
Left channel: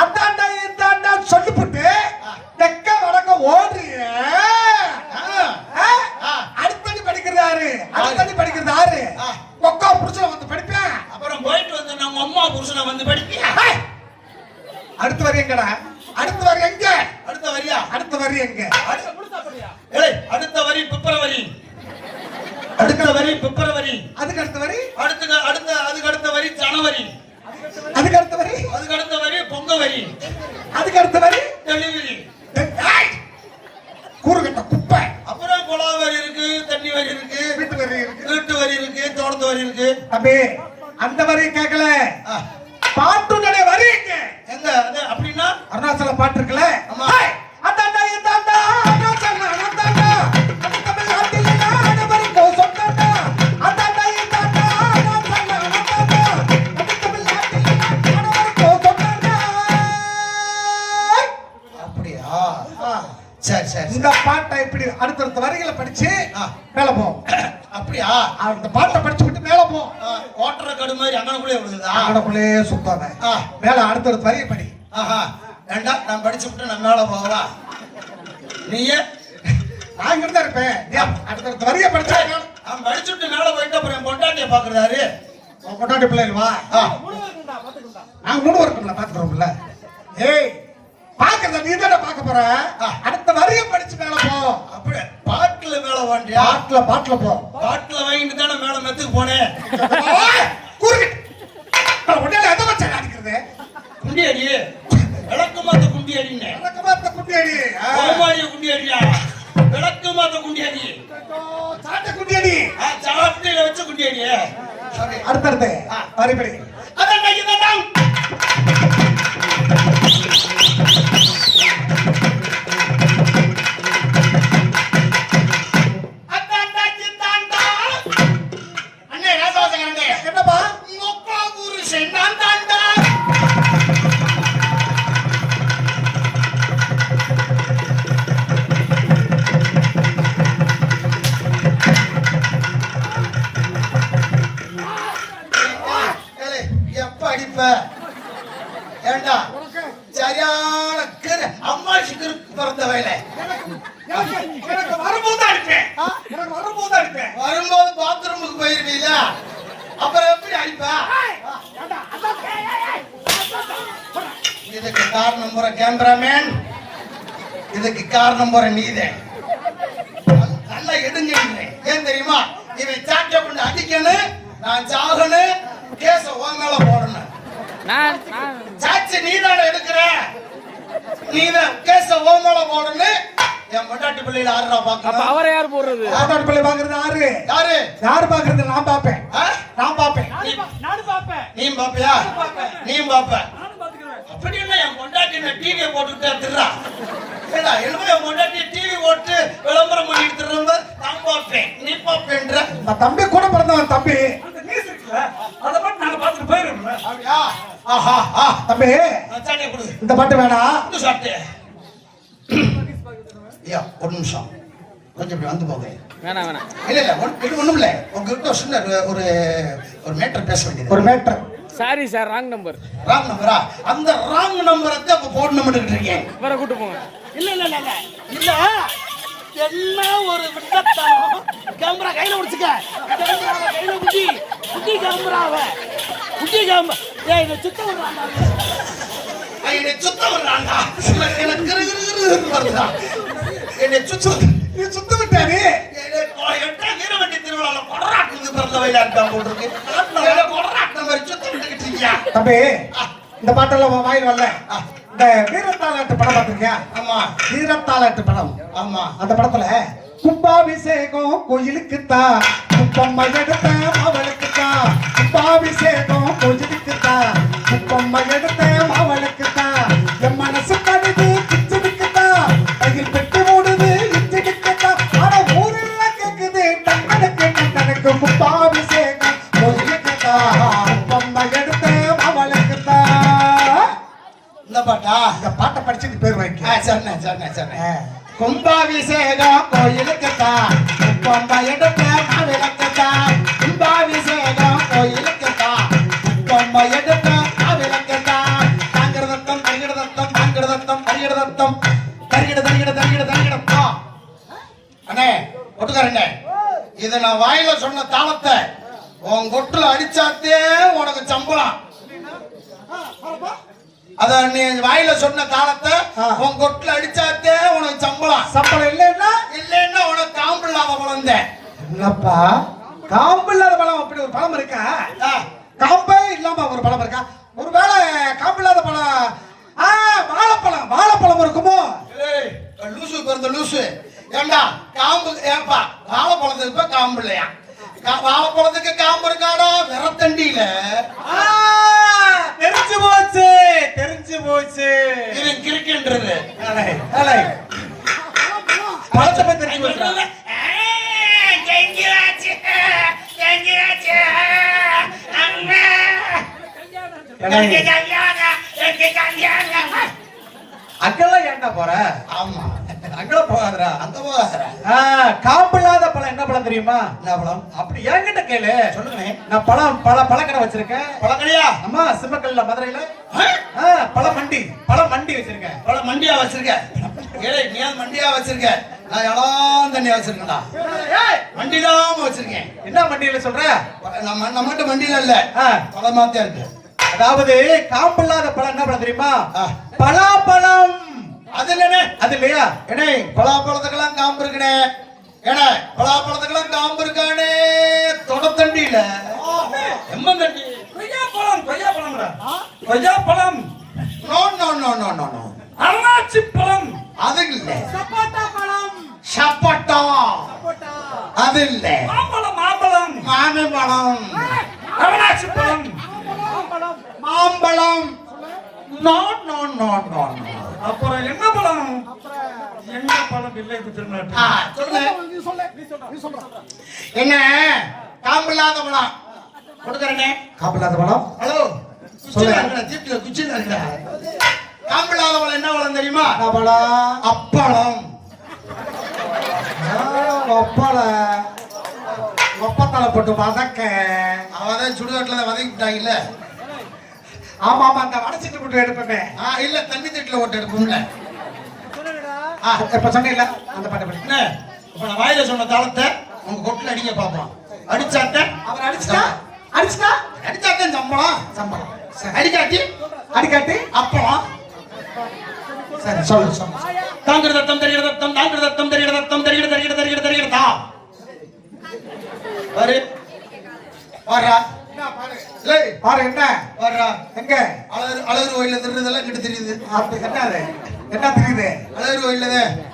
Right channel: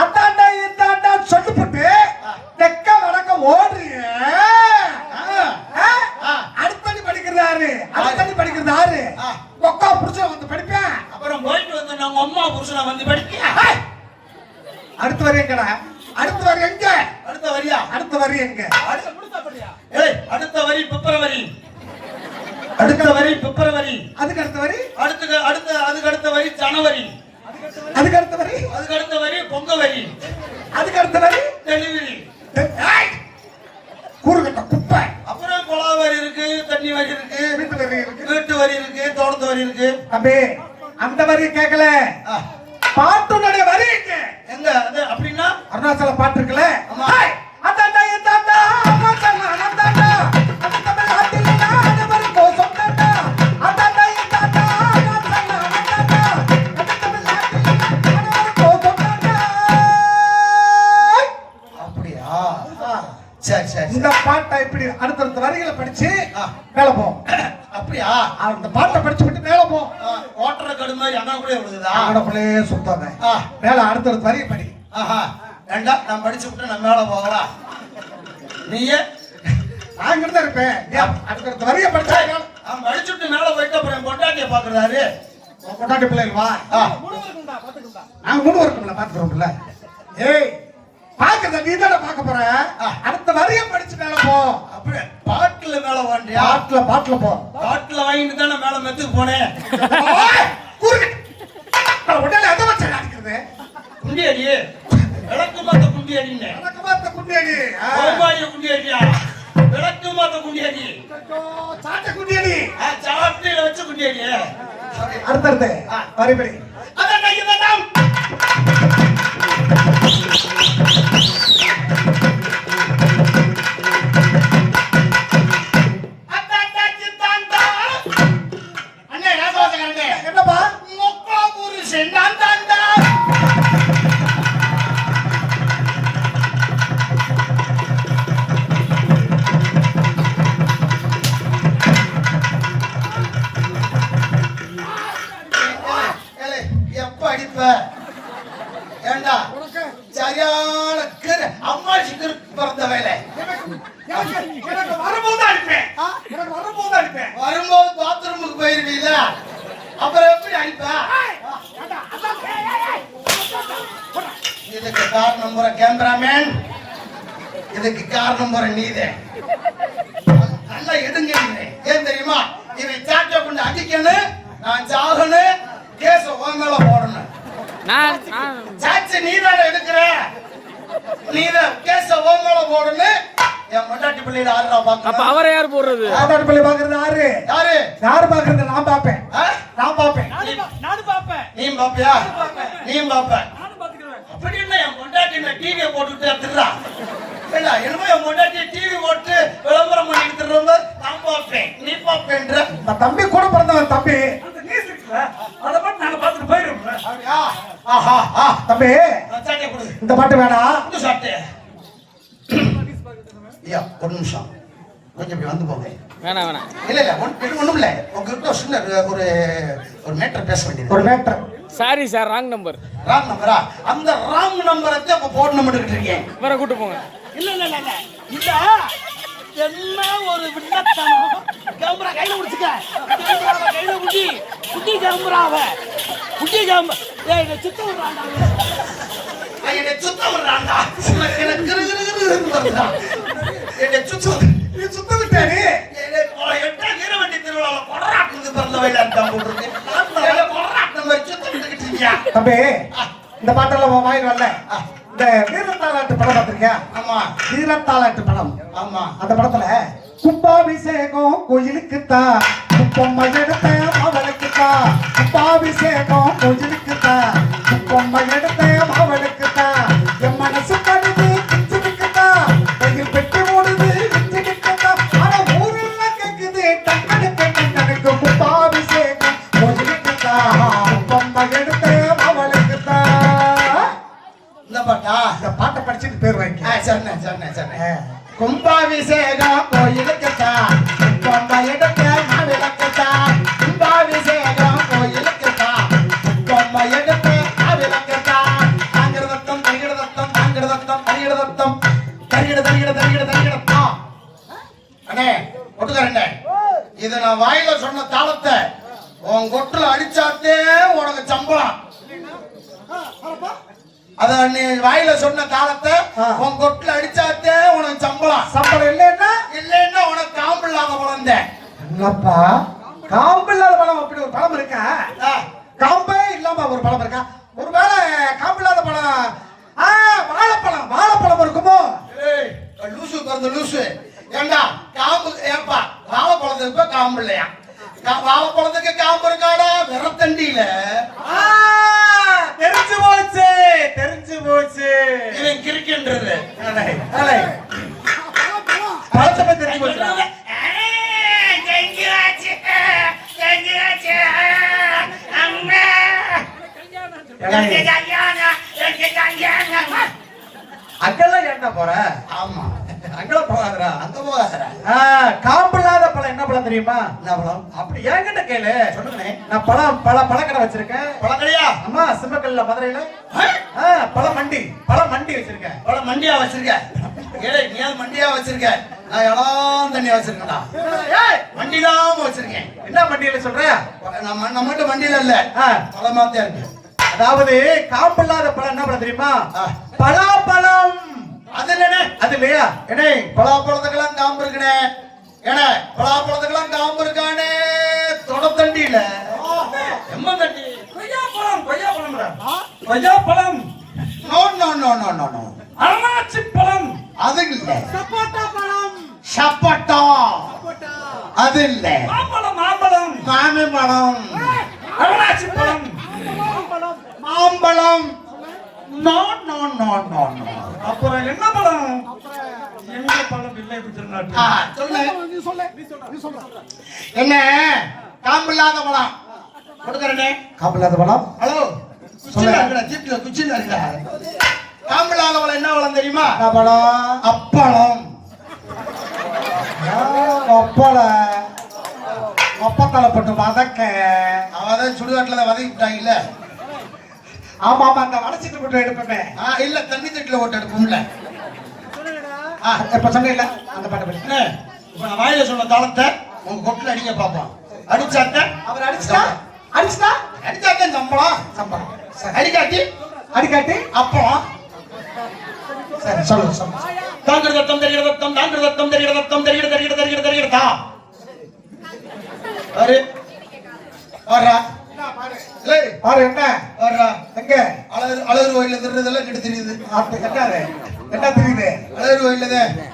அந்தாண்டா இந்தாண்டா சொல்லிவிட்டு தெக்க வடக்க ஓடுறீங்க. அடுத்தது படிக்கிறாரு, அடுத்தது படிக்கிறாரு. ஒக்கா புருஷனை வந்து படிப்பேன். அப்புறம் போயிட்டு வந்து நம்ம அம்மா புருஷனை வந்து படிப்பியா? அடுத்த வரி எங்கடா? அடுத்த வரி எங்க? அடுத்த வரியா? அடுத்த வரி எங்க? ஏய், அடுத்த வரி பிப்ரவரி. அடுத்த வரி பிப்ரவரி. அதுக்கு அடுத்த வரி? அதுக்கு அடுத்த வரி ஜனவரி. அதுக்கு அடுத்த வரி? அதுக்கு அடுத்த வரி பொங்கவரி. அதுக்கு அடுத்த வரி டெலிவரி. கூறுகட்ட குப்பை. அப்புறம் குழா வரி இருக்கு, தண்ணி வரி இருக்கு, வீட்டு வரி இருக்கு, வீட்டு வரி இருக்கு, தோட்டத்து வரி இருக்கு. தம்பி அந்த வரி கேட்கல, பாட்டுடைய வரி எங்க? எங்க அது? அப்படின்னா அருணாச்சல பாட்டு இருக்குல்ல, அந்தாண்டா இந்தாண்டா அருணாச்சல அந்தாண்டா தமிழ் நாட்டிலே அனைவரும் கோசம்டா. அந்தாண்டா இந்தாண்டா அருணாச்சல அந்தாண்டா தமிழ் நாட்டிலே அனைவரும் கோசம்டா. அப்படியா? சரி சரி. இந்த பாட்டை இப்படி அடுத்தடுத்த வரிகளை படிச்சு மேல போ. அப்படியா? அந்த பாட்டை படிச்சு விட்டு மேல போ. ஓட்டற கடு மாதிரி அங்கனக்குள்ளே விழுகுதா? அங்கனக்குள்ளே சுத்தாம மேல அடுத்தடுத்த வரியை படி. ஆஹா, வேண்டாம், நான் படிச்சு விட்டு நம்ம மேல போகலாம். நீயே நான் இங்க தான் இருப்பேன். அடுத்தடுத்த வரியை படிச்சா நான் படிச்சு விட்டு மேல போயிட்டு அப்புறம் பொண்டாட்டிய பாக்குறாரு. உன் கொண்டாட்டி பிள்ளைகள் வா. நாங்க 3 வருஷம்ல பாத்துக்கிறோம்ல. ஏய், பாக்குறத நீ தானே பாக்க போற. அடுத்த வரியை படிச்சு மேல போ. அப்படியே பாட்டுல மேல வாண்டியா? பாட்டுல போ. பாட்டுல வாங்கிட்டு தானே மேல மெத்துக்கு போனேன். உடனே எதை வச்சு அடிக்கிறது? குண்டி அடி, விளக்கு மாத்த குண்டி அடின்னு. எனக்கு பார்த்த குண்டி அடி, கோமாளிய குண்டி அடியா, விளக்கு மாத்த குண்டி அடி, சாட்டை குண்டி அடி, சாவட்டில வச்சு குண்டி அடி. அடுத்தடுத்து வரிபடி. அதான் வேண்டாம். அண்ணே ராசவாசகரண்ணே, என்னப்பா? மொக்கா புருஷன் நான் தாண்டா. எப்ப அடிப்ப? ஏண்டா சரியான அம்மா சிக்கரு பிறந்த வேலை. எனக்கு வரும்போது அடிப்பேன். எனக்கு வரும்போது அடிப்பேன். வரும்போது பாத்ரூமுக்கு போயிருவீல, அப்புறம் எப்படி அடிப்ப? இதுக்கு காரணம் போற கேமராமேன், இதுக்கு காரணம் போற நீதே. நல்லா எடுங்க. ஏன் தெரியுமா? இவன் சாட்ட பண்ண அடிக்கணும், நான் சாகணும், கேச உன் மேல போடணும். சாட்சி நீதான எடுக்கிற, நீதான் கேச உன் மேல போடணும். என் பொண்டாட்டி பிள்ளைகள் ஆறுரூவா பாக்க. அப்ப அவரை யார் போடுறது? ஆதார் பிள்ளை பாக்குறது யாரு? யாரு? யாரு பாக்குறது? நான் பாப்பேன். நான் பாப்பேன். நானும் பாப்பேன். நீ பாப்பியா? நீயும் பாப்ப. நானும் பாத்துக்கிறேன். அப்படி இல்ல, என் பொண்டாட்டி டிவியை போட்டுட்டு திருறா. ஏடா, என்னமோ என் பொண்டாட்டி டிவி போட்டு விளம்பரம் பண்ணிட்டு திரும்ப நான் பாப்பேன், நீ பாப்பேன்ற. இந்த தம்பி கூட பிறந்தவன் தம்பி. அந்த நியூஸ் இருக்குல்ல, அதை மட்டும் நாங்க பார்த்துட்டு போயிடுவோம்ல. அப்படியா? ஆஹா, தம்பி சாட்டியை கொடு. இந்த பாட்டு வேணாம். இந்த சாப்பிட்டு ஐயா, ஒரு நிமிஷம் கொஞ்சம் இப்படி வந்து போங்க. வேணாம். இல்ல ஒண்ணும் இல்ல, உங்ககிட்ட சின்ன ஒரு மேட்டர் பேச வேண்டியது. ஒரு matter. Sorry sir, wrong number. Wrong நம்பரா? அந்த ராங் நம்பரை தான் இப்ப போடணும் இருக்கீங்க. வர கூட்டு போங்க. இல்ல என்ன ஒரு விட்டத்தனம். கேமரா கையில பிடிச்சுக்க. கேமரா கையில பிடி. குட்டி கேமராவை. குட்டி கேமரா. ஏய், இத சுத்த விடுறான்டா. ஐயே, சுத்த விடுறான்டா. எனக்கு வருதா. என்னை நீ சுத்த விட்டாரு. எட்டா வீரவண்டி திருவிழால கொடராட்டுக்கு பிறந்த வயலா இருக்கான் போட்டுருக்கு. கொடராட்டம் வச்சு தொண்டுகிட்டு இருக்கியா? தம்பி இந்த பாட்டெல்லாம் வாயில் வரல. இந்த வீரத்தாலாட்டு படம் பார்த்திருக்கியா? ஆமா. வீரத்தாலாட்டு படம். ஆமா. அந்த படத்துல கும்பாபிஷேகம் கோயிலுக்குத்தான், குப்பம்மா எடுத்த அவளுக்குத்தான். கும்பாபிஷேகம் கோயிலுக்குத்தான், குப்பம்மா எடுத்த அவளுக்குத்தான். என் மனசு கருது கிச்சினுக்குத்தான், கையில் பெட்டி மூடுது கிச்சினுக்குத்தான். ஆனா ஊரெல்லாம் கேக்குது டங்கனுக்கு கும்பாபிஷேகம் கோயிலுக்குத்தான், குப்பம்மா எடுத்த அவளுக்குத்தான். இந்த பாட்டா? இந்த பாட்டை படிச்சு இது பேர் வாங்கி. சரிண்ணே. கும்பாபிஷேகம் கோயிலுக்குத்தான், குப்பம்மா எடுத்த இத நான் வாயில சொன்ன தாளத்தை உன் கொட்டுல அடிச்சாத்தே உனக்கு சம்பளம். அத நீ வாயில சொன்ன தாளத்தை உன் கொட்டுல அடிச்சாத்தே உனக்கு சம்பளம். சம்பளம் இல்லைன்னா இல்லைன்னா உனக்கு காம்பு இல்லாத குழந்தை. இல்லப்பா, காம்பு இல்லாத பழம் அப்படி ஒரு பழம் இருக்கா? காம்பே இல்லாம ஒரு பழம் இருக்கா? ஒருவேளை காம்பு இல்லாத பழம் வாழைப்பழம், வாழைப்பழம் இருக்குமோ? லூசு பிறந்த லூசு. ஏண்டா காம்பு ஏப்பா வாழைப்பழத்துக்கு இப்ப காம்பு இல்லையா? வாழைப்பழத்துக்கு காம்பு இருக்காடா விரத்தண்டியில. தெரிஞ்சு போச்சு, தெரிஞ்சு போச்சு. இவன் கிறுக்கின்றது பழத்தை பத்தி தெரிஞ்சு போச்சு. அங்கெல்லாம் ஏன்டா போற? ஆமா அங்க போகாதடா, அங்க போகாதடா. காம்பு இல்லாத பழம் என்ன பழம் தெரியுமா? என்ன பழம்? அப்படி என்கிட்ட கேளு, சொல்லுங்க. நான் பழக்கடை வச்சிருக்கேன். பழக்கடையா? அம்மா சிம்மக்கல்ல மதுரையில பழ மண்டி வச்சிருக்கேன். பழ மண்டியா வச்சிருக்க? ஏய் நீ மண்டியா வச்சிருக்க? நான் இடம் தண்ணியா வச்சிருக்கேன்டா. மண்டிடாம வச்சிருக்கேன். என்ன மண்டியில சொல்ற? நம்மகிட்ட மண்டியில இல்ல, பழமாத்தே இருக்கு. அதாவது காம்பு இல்லாத பழம் என்ன பழம் தெரியுமா? பலாப்பழம். அது இல்லனே, அது இல்லையா? ஏனே பலாப்பழத்துக்கெல்லாம் காம்பு இருக்குனே. ஏனே பலாப்பழத்துக்கெல்லாம் காம்பு இருக்கானே தொடத்தண்டியில. எம்மந்தண்டி கொய்யாப்பழம், கொய்யாப்பழம், no no no no no no. அன்னாச்சி பழம், அது இல்ல. சப்போட்டா பழம். சப்போட்டா அது இல்ல. மாம்பழம், மாம்பழம், அன்னாச்சி பழம், மாம்பழம். No no no no no. அப்புறம் என்ன பழம்? எங்க பழம் இல்லை குஜராத். என்ன காம்பு இல்லாத பழம் கொடுக்கறனே. காம்பு இல்லாத பழம். ஹலோ குச்சில இருக்கா? காம்பு இல்லாத பழம் என்ன பழம் தெரியுமா? என்ன பழம்? அப்பளம். ஒப்பத்தலை போட்டு வதக்க. அவதான் சுடுகாட்டுல வதக்கிட்டாங்கல்ல. ஆமா ஆமா, அந்த வடச்சிட்டு போட்டு எடுப்பேன். இல்ல தண்ணி தட்டுல ஓட்டு எடுப்போம்ல. இப்ப சொன்ன அந்த பாட்டு பண்ணி. இப்ப நான் வாயில சொன்ன தாளத்தை உங்க கொட்டுல அடிக்க பாப்போம். அடிச்சாட்ட அவர் அடிச்சுட்டா அடிச்சாட்டன் சம்பளம். அடிக்காட்டி அப்பளம். சரி சொல்லு. தாங்கிற தத்தம் தெரிகிற தத்தம் தாங்கிற தத்தம் தெரிகிற தத்தம் தெரிகிற தெரிகிற தெரிகிற தெரிகிற தா பாரு பாரா. பாரு என்ன பாரா. எங்க அழகு கோயில தெரியுதெல்லாம் கிட்ட தெரியுது. என்ன தெரியுது? அழகு கோயில்ல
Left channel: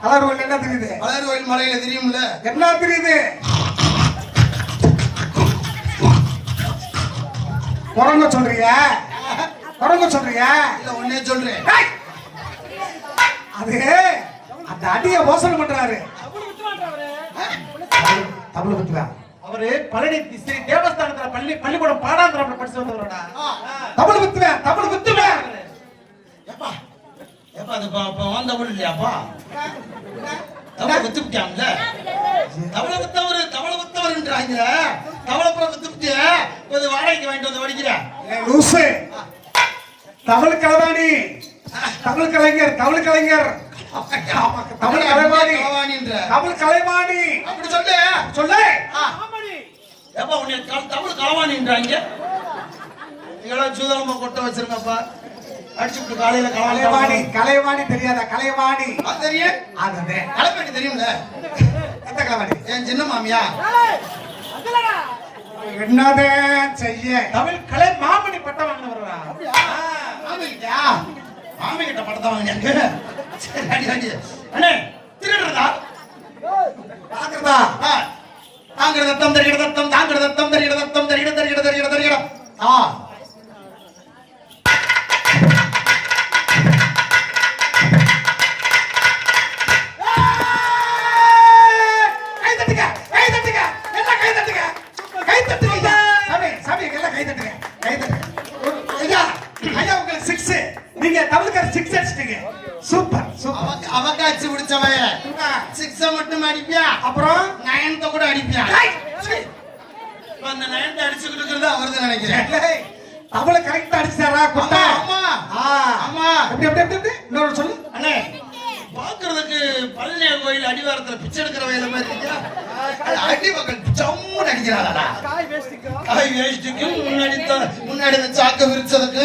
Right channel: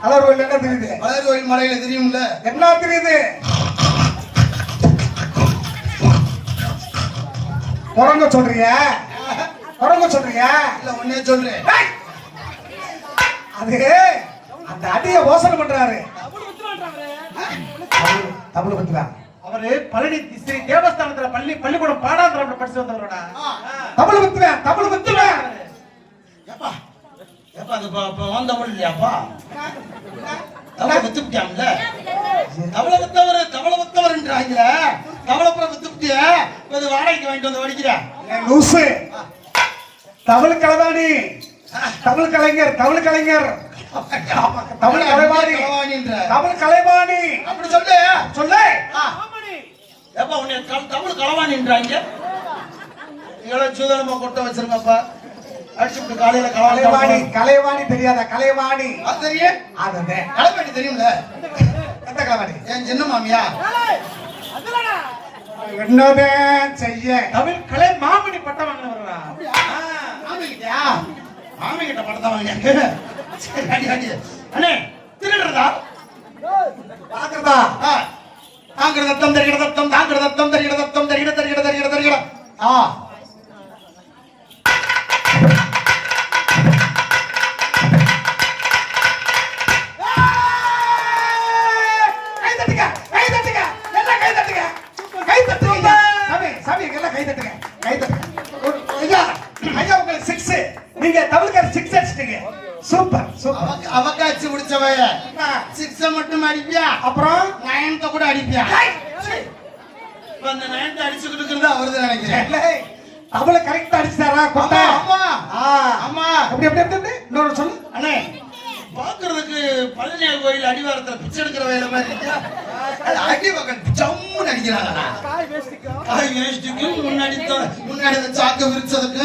அலர் கோயில் என்ன தெரியுது? அழகு கோயில் மலையில தெரியும்ல. என்ன தெரியுது? குரங்க சொல்றியா? இல்ல ஒன்னே சொல்றேன். அது அந்த அடிய யோசனை பண்றாரு. தமிழ் பத்திரா அவரு பழனி ஸ்ரீ தேவஸ்தானத்துல பள்ளிக்கூடம் பாடாந்திரம் படிச்சு வந்தவரோட தமிழ் பத்திரா. ஏப்பா ஏப்பா அது வந்த ஊர் இல்லையாப்பா? தவளை வித்துப்பிட்டாங்கல்ல. தவளை வித்தவர்ன்றாங்க. தவளைப்புறம் வித்துப்பிட்டிய கொஞ்சம் வாடகைக்கு வாங்கிட்டு வந்து வடிக்கிற லூசு. தமிழ் கலைவாணி, தமிழ் கலைஞர், தமிழ் கலைவாணி அப்படி சொல்லு. ஏப்பா உன்னை தமிழ் களவாணின்றாங்க. நீங்களும் சூதனமா கொட்ட வச்சிருக்கப்பா. அடிச்சுட்டு காலையில கலைவாணி தெரியாத? கலைவாணி தெரியும். அதுதான் கலைவாணி தெரியும்ல. எந்த கலைவாணி? என் சின்ன மாமியா. என்னதான் செய்ய? தமிழ் கலை மாமணி பட்டம் வாங்கினவரா? மாமி கிட்ட படத்தை வாங்கினாங்க. அண்ணே திருடுறதா? பாக்குறதா? தாங்கிற தத்தம் தெரிகிற தத்தம் தாங்கிற தத்தம் தெரிகிற தத்தம் தெரிகிற தெரிகிற தெரிகிற தெரிகிற சூப்பர். அவகாட்சி முடிச்சவைய சிக்ஸ மட்டும் அடிப்பியா? அப்புறம் நயனத்தை கூட அடிப்பியா? அந்த நயனத்தை அடிச்சுக்கிட்டு இருக்கிறது அவருதான் நினைக்கிறேன். அவளை கரெக்டா அடிச்சாரா? ஆமா ஆமா. எப்படி இன்னொரு சொல்லு. அண்ணே பாக்குறதுக்கு 17 கோயில் அடிவாரத்துல பிச்சை எடுக்கிற வயல மாதிரி இருக்கா? அது அடி பக்கம் ஜம்முன்னு அடிக்கிறாங்களா? காய் வேஷ்டிக்கு முன்னாடி இந்த சாக்க விரிச்சதுக்கு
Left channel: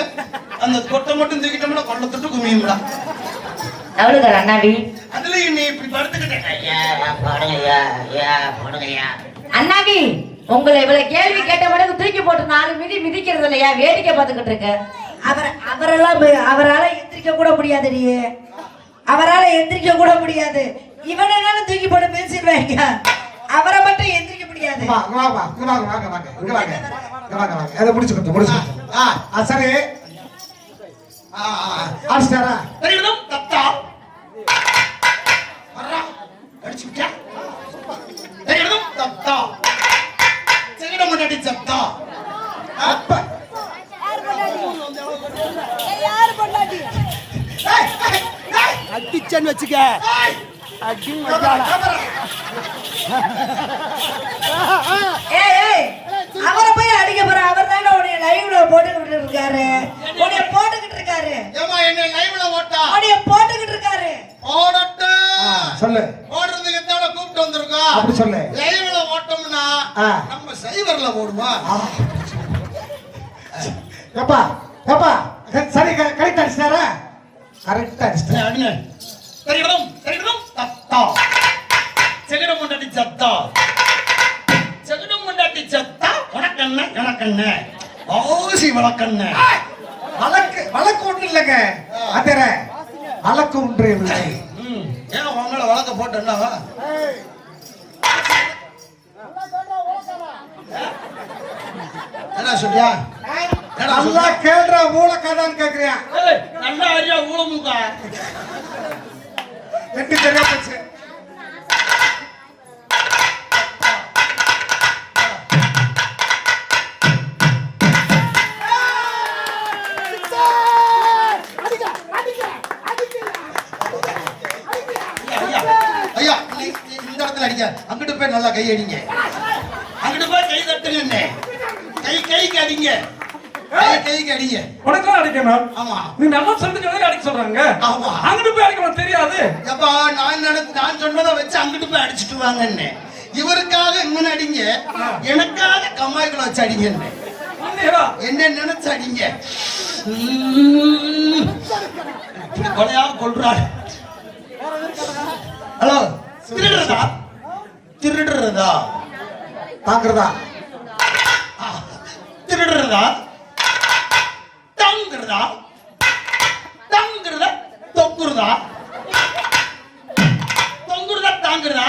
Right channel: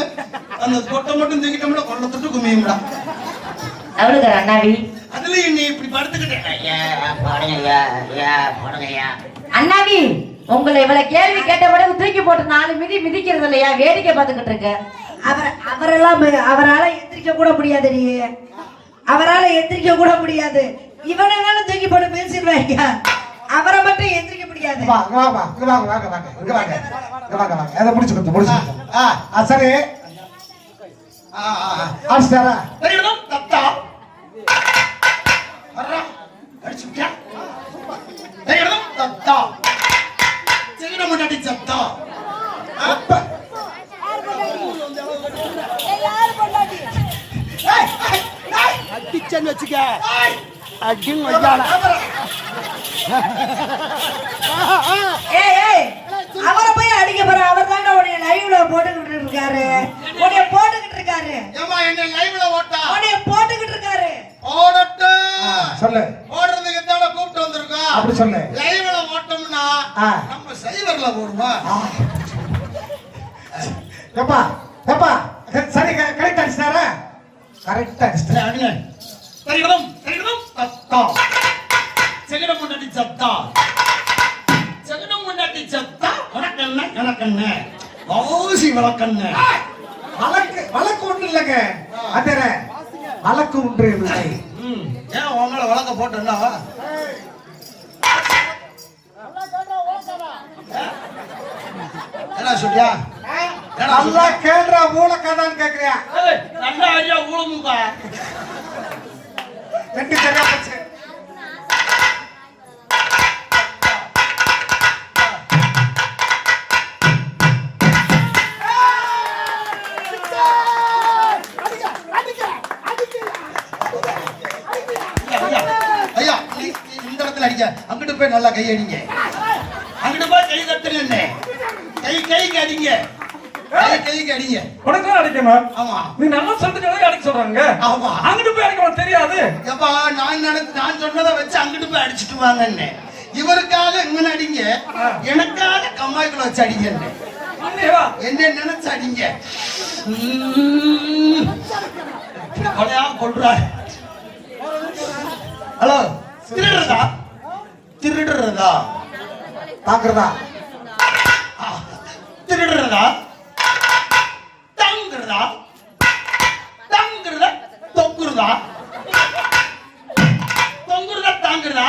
அந்த கொட்டை மட்டும் தூக்கிட்டோம்னா கொள்ள தொட்டு குமியும்டா. எவ்வளவு அண்ணாடி அதுலயும் நீ இப்படி படுத்துக்கிட்டேன் அண்ணாடி உங்களை இவ்வளவு கேள்வி கேட்ட பிறகு தூக்கி போட்டு 4 மிதி மிதிக்கிறது இல்லையா? வேடிக்கை பார்த்துக்கிட்டு இருக்க. அவரால எந்திரிக்க கூட முடியாது. நீ அவரால எந்திரிக்க கூட முடியாது. இவனால தூக்கி போட்டு பேசிடுவாங்க. அவரை மட்டும் எந்திரிக்க முடியாது. அதை முடிச்சுக்கோ. சரி ஆஸ்டாரா தத்தா தத்தா செகண்ட் முன்னாடி சத்தா அப்ப அடிச்சன்னு வச்சுக்க அவரை போய் அடிக்க போற. அவர் தானே உடைய லைவ்ல போட்டுக்கிட்டு இருக்காரு. உடைய போட்டுக்கிட்டு இருக்காரு. ஏமா என்ன லைவ்ல ஓட்டா உடைய போட்டுக்கிட்டு இருக்காரு. ஓடட்டு சொல்லு. ஓடுறதுக்கு தான கூப்பிட்டு வந்திருக்கோம். அப்படி சொல்லு. லைவ்ல ஓட்டோம்னா நம்ம சைவர்ல ஓடுமா? எப்பா எப்பா சரி கரெக்ட் அடிச்சிட்டாரா? கரெக்ட் அடிச்சிட்டாரு. அடிங்க. தெரியும் தெரியும் தத்தா செகண்ட் முன்னாடி சத்தா செகண்ட் முன்னாடி சத்தா உனக்கண்ண எனக்கண்ண ஆசி வழக்கண்ண வழக்கு ஒண்ணு இல்லைங்க. அதர வழக்கு ஒன்று இல்லை. ஏன் உங்களை வழக்க போட்டா என்ன சொல்றியா? நல்லா கேள்ற ஊழக்காதான்னு கேக்குறியா? நல்லா ஐயா ஊழமுக்கா ரெண்டு சரியா போச்சு. ஐயா இந்த இடத்துல அடிக்க அங்கிட்டு போய் நல்லா கை அடிங்க. அங்கிட்டு போய் கை தட்டுங்க. கைக்கு அடிங்க. கைக்கு அடிங்க. உனக்கும் அடிக்கணும். ஆமா நீ நம்ம சொல்லிட்டு அடிக்க சொல்றாங்க. ஆமா அங்கிட்டு போய் அடிக்க தெரியாது. எப்பா நான் சொன்னதை வச்சு அங்கிட்டு போய் அடிச்சுட்டு வாங்கன்னு இவருக்காக இங்க அடிங்க, எனக்காக கம்மாய்க்குள்ள வச்சு அடிங்க. என்ன நினைச்சு அடிங்க. கொலையா கொள்றாரு. ஹலோ திருடுறதா திருடுறதா தாக்குறதா திருடுறதா தங்குறதா தங்குறதா தொங்குறதா தொங்குறதா தாங்குறதா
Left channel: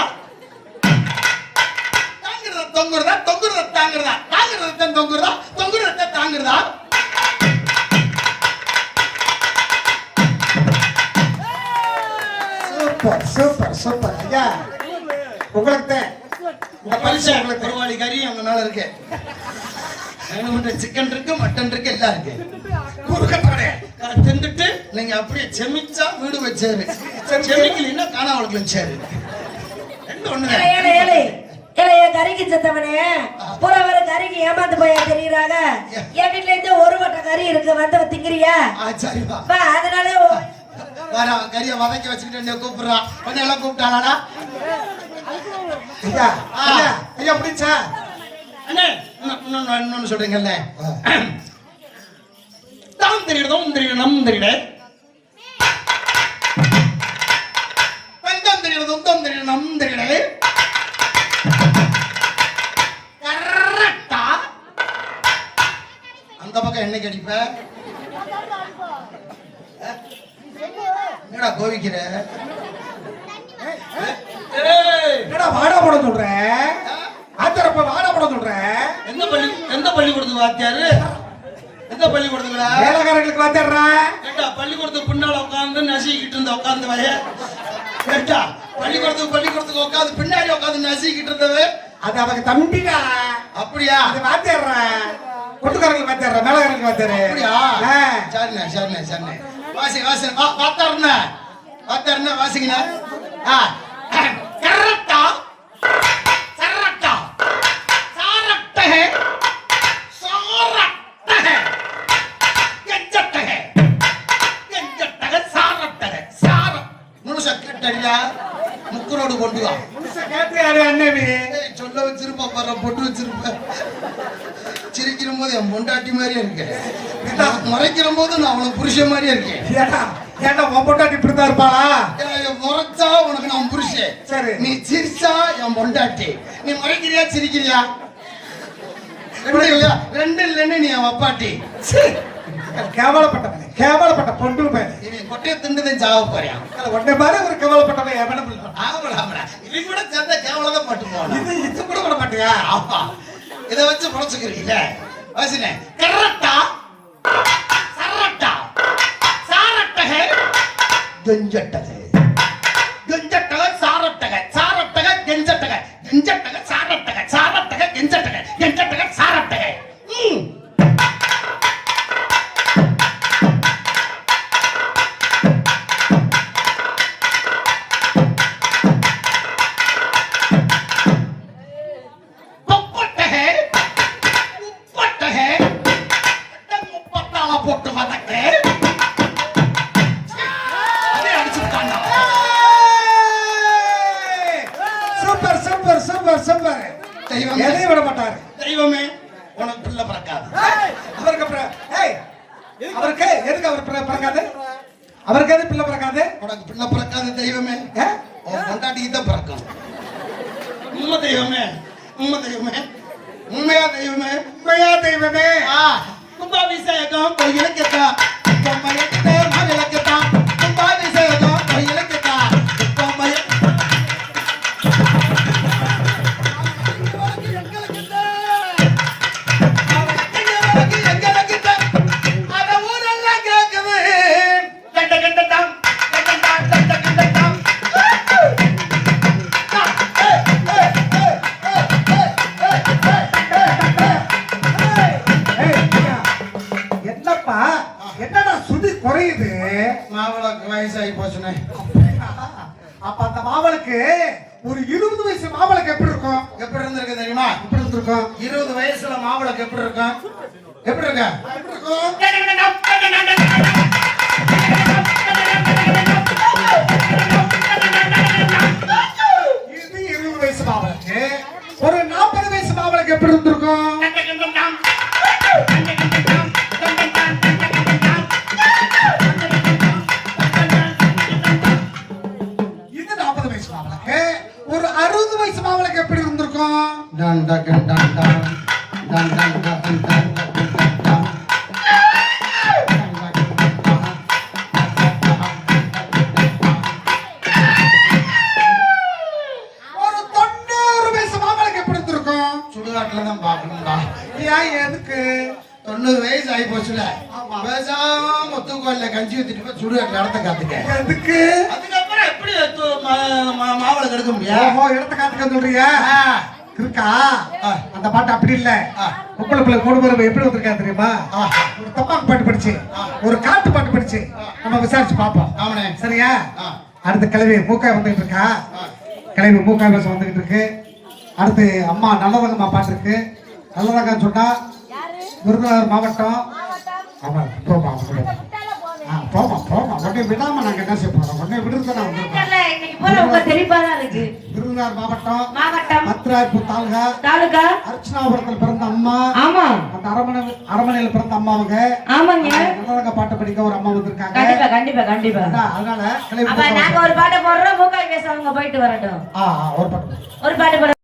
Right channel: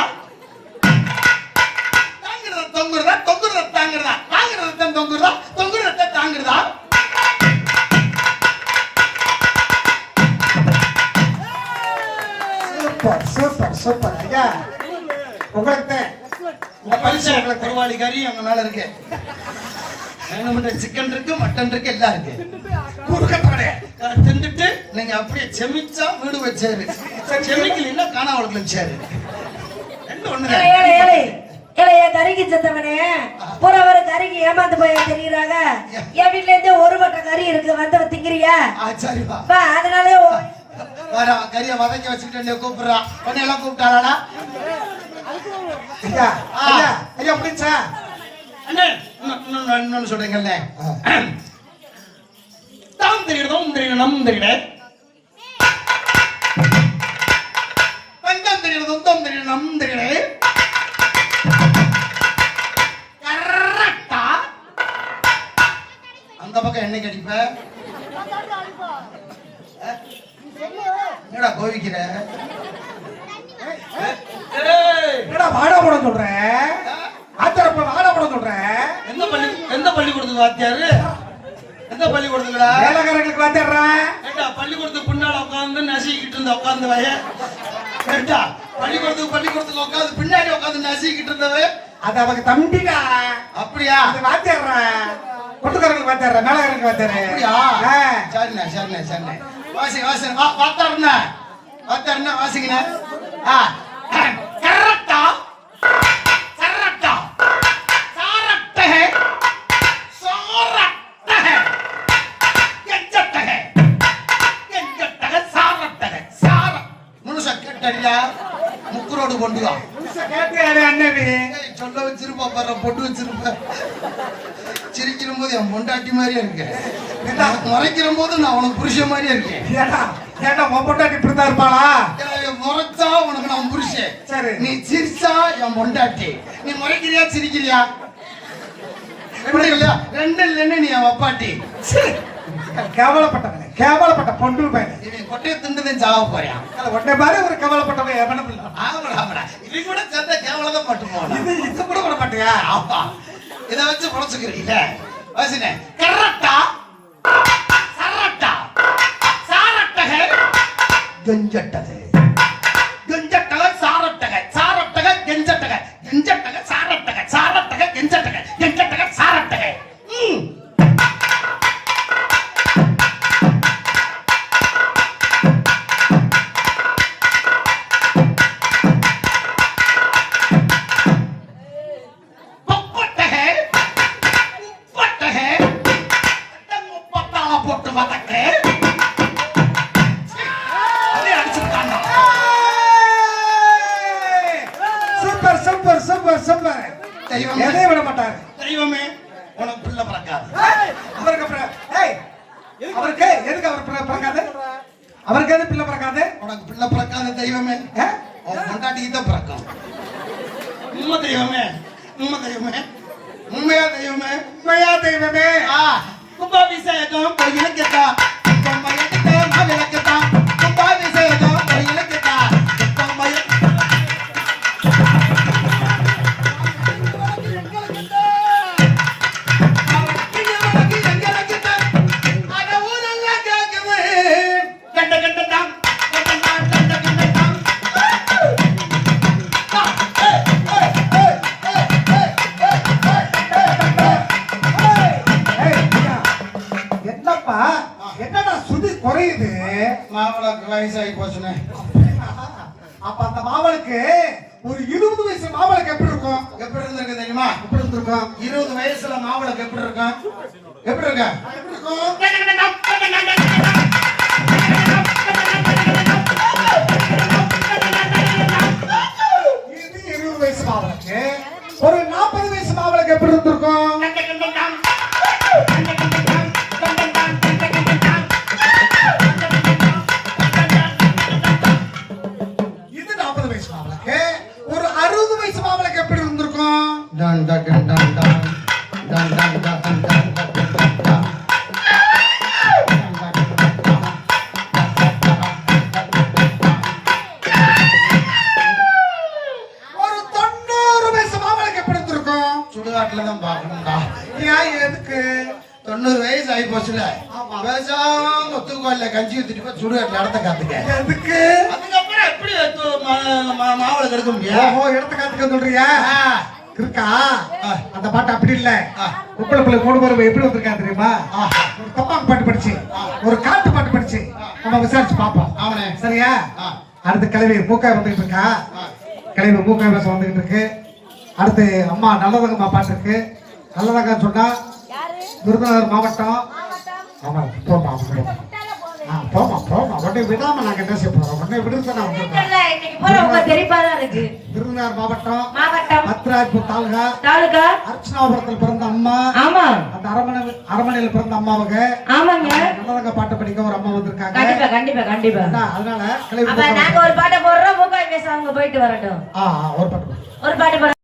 தாங்குறதா தொங்குறதா தொங்குறதா தாங்குறதா தாங்குறதா தொங்குறதா தொங்குறதா தாங்குறதா சூப்பர் சூப்பர் சூப்பர். ஐயா உங்களுக்கு இந்த பரிசு உங்களுக்கு பெருவாளி கறி அங்க மேல இருக்கு. சிக்கன் இருக்கு, மட்டன் இருக்கு, எல்லாம் இருக்கு. குறுக்கப்பட தின்னுட்டு நீங்க அப்படியே செமிச்சா வீடு வச்சாரு, செமிக்கலன்னா காணாவளுக்கு வச்சாரு. கறிக்கு செத்தவனே பூரா கறிக்கு ஏமாந்து போய் தெரியுறாங்க. என் வீட்டுல இருந்து ஒரு வட்ட கறி இருக்கு, வந்து திங்கிறியா? சரிப்பா அதனாலே கறியை வதக்கி வச்சுக்கிட்டு கூப்பிடுறான். எல்லாம் கூப்பிட்டாளா? ஐயா ஐயா ஐயா பிடிச்சா அண்ணே இன்னொன்னு சொல்றீங்கல்ல, தான் தெரியணும் தெரியணும் தெரியல, பஞ்சம் தெரியணும் சொந்தம் தெரியணும் தெரியல. கரெக்டா அந்த பக்கம் என்னைக்கு அடிப்ப? என்னடா கோவிக்கிற? என்னடா வாடா போட சொல்ற? ஆத்தரப்ப வாடா போட சொல்ற? எந்த பள்ளிக்கூடத்துக்கு வாத்தியாரு? எந்த பள்ளிக்கூடத்துக்குடா? வேலைக்காரங்களுக்கு வாத்தியாரா? ஏண்டா பள்ளிக்கூடத்துக்கு பின்னால உட்கார்ந்து நசிக்கிட்டு இருந்த உட்கார்ந்து வய. ஏண்டா பள்ளிக்கூடத்துக்கு உட்கார்ந்து பின்னாடி உட்கார்ந்து நசிக்கிட்டு இருந்தவே அது அவங்க தம்பிடா. அப்படியா? அது வாத்தியாரா? கொட்டுக்காரங்களுக்கு வாத்தியாரா? மேலக்காரங்களுக்கு வாத்தியாரு? அப்படியா? சரிண்ணே சரிண்ணே சரிண்ணே. வாசி வாசி வாத்தாருண்ணே வாத்தாருண்ணே வாசிங்கண்ணே. கரெக்டா கரெக்டா சாரட்ட है சாரட்ட है கெஞ்சட்ட है கெஞ்சட்ட है சாரட்ட है சார முழுசா எப்ப பாரு பொட்டு வச்சிருப்ப சிரிக்கிற போது என் பொண்டாட்டி மாதிரியே இருக்கேன் முறைக்கிற போது நான் உனக்கு புருஷன் மாதிரியே இருக்கேன் ஏன்டா உன் பொண்டாட்டி இப்படிதான் இருப்பாளா? முறைச்சா உனக்கு நான் புருஷன் சரி. நீ சிரிச்சா என் பொண்டாட்டி. நீ முறைக்கிறியா சிரிக்கிறியா? ரெண்டு இல்லையா? ரெண்டு இல்லைன்னு நீ என் அப்பாட்டி. கேவலப்பட்டவன், கேவலப்பட்ட பொண்டு பையன். இவன் கொட்டையை திண்டுதான் சாவ போறியான். உன்னை மாதிரி ஒரு கேவலப்பட்டவன் எவனும் இல்லை. இவன் கூட சேர்ந்த கேவலம் பட்டு போனான். இது கூட விட மாட்டியா? அப்பா இதை வச்சு பொழைச்சுக்கிறீங்கள வாசினே. கரட்டா சரட்டா சாரட்டக கெஞ்சட்டக கெஞ்சட்டக சாரட்டக சாரட்டக கெஞ்சட்டக கெஞ்சட்டக சாரட்டக சாரட்டக கெஞ்சட்டக கெஞ்சட்டக சாரட்டக. Super super super super. எதையும் விட மாட்டாரு. தெய்வமே உனக்கு பிள்ளை பிறக்காது. அவருக்கு அப்புறம் அவருக்கு எதுக்கு அவர் பிறக்காது? அவருக்கு எது பிள்ளை பிறக்காது? உனக்கு பிள்ளை பிறக்காது தெய்வமே. உன் பொண்டாட்டிக்கு தான் பிறக்கும். உண்மை தெய்வமே, உண்மை தெய்வமே, உண்மையா தெய்வமே, உண்மையா தெய்வமே. கும்பாபிஷேகம் கோயிலுக்குதா, பொம்மையிட்ட மகளுக்குதா. கும்பாபிஷேகம் கோயிலுக்குதா, பொம்மையிட்ட என்னப்பா என்னடா சுதி குறையுது? மாவளுக்கு வயசாகி போச்சுனே. அப்ப அந்த மாவளுக்கு ஒரு 20 வயசு மாவளுக்கு எப்படி இருக்கும்? எப்படி இருந்திருக்கு தெரியுமா? எப்படி இருந்திருக்கும்? 20 வயசுல மாவளுக்கு எப்படி இருக்கும்? எப்படி இருக்கு? எப்படி இருக்கும்? இது 20 வயசு மாவளுக்கு. ஒரு 40 வயசு மாவளுக்கு எப்படி இருந்திருக்கும்? இது 40 வயசு மாவளுக்கு. ஒரு 60 வயசு மாவளுக்கு எப்படி இருந்திருக்கும்? Done done done done done done done done done done done done. ஒரு 90 வயசு மாவளுக்கு எப்படி இருந்திருக்கும்? சுடுகாட்டுல தான் பார்க்கணும்டா. ஏன் எதுக்கு? 90 வயசு ஆகி போச்சுல. ஆமா. பேசாம முத்துக்கோயில கஞ்சி ஊத்திட்டு போய் சுடுகாட்டுல இடத்த காத்துக்க. எதுக்கு? அதுக்கப்புறம் எப்படி மாவளுக்கு எடுக்க முடியும்? ஓஹோ, இடத்த காத்துக்க சொல்றியா? இருக்கா? அந்த பாட்டு அப்படி இல்ல. உங்களை பிள்ளை 3 பேரும் எப்படி வந்திருக்கா தெரியுமா? ஒரு தப்பாக்கு பாட்டு படிச்சு, ஒரு காட்டு பாட்டு படிச்சு நம்ம விசாரிச்சு பார்ப்போம். அவனே சரியா? அடுத்து கிளவி மூக்கா வந்துகிட்டு இருக்கா. கிளவி மூக்கா பேச வந்துகிட்டு இருக்கு. அடுத்து அம்மா நல்லதங்கம்மா பாட்டு இருக்கு. நல்லதங்க சொன்னா விருதுநகர் மாவட்டம். ஆமா, போமா போமா போமா. உடனே விடாம நாங்க என்ன செய்ய போறோம்? உடனே விடுதலை விருதுநகர் மாவட்டம் மத்ராயப்பூர் தாலுகா அர்ச்சனாபுரத்தில் பிறந்த அம்மா. ஆமா, அந்த அரமனையில் பிறந்த அம்மாவுங்க. ஆமாங்க. நல்லவங்க பாட்டு படிக்க ஒரு அம்மா வந்திருக்காங்க. கண்டிப்பா கண்டிப்பா கண்டிப்பா. அதனால அப்ப நாங்க ஒரு பாட்டை போடுறோம். மூக்காய் பேச அவங்க போயிட்டு வரட்டும். ஒரு பாட்டு ஒரு பாட்டு போடுறோம்.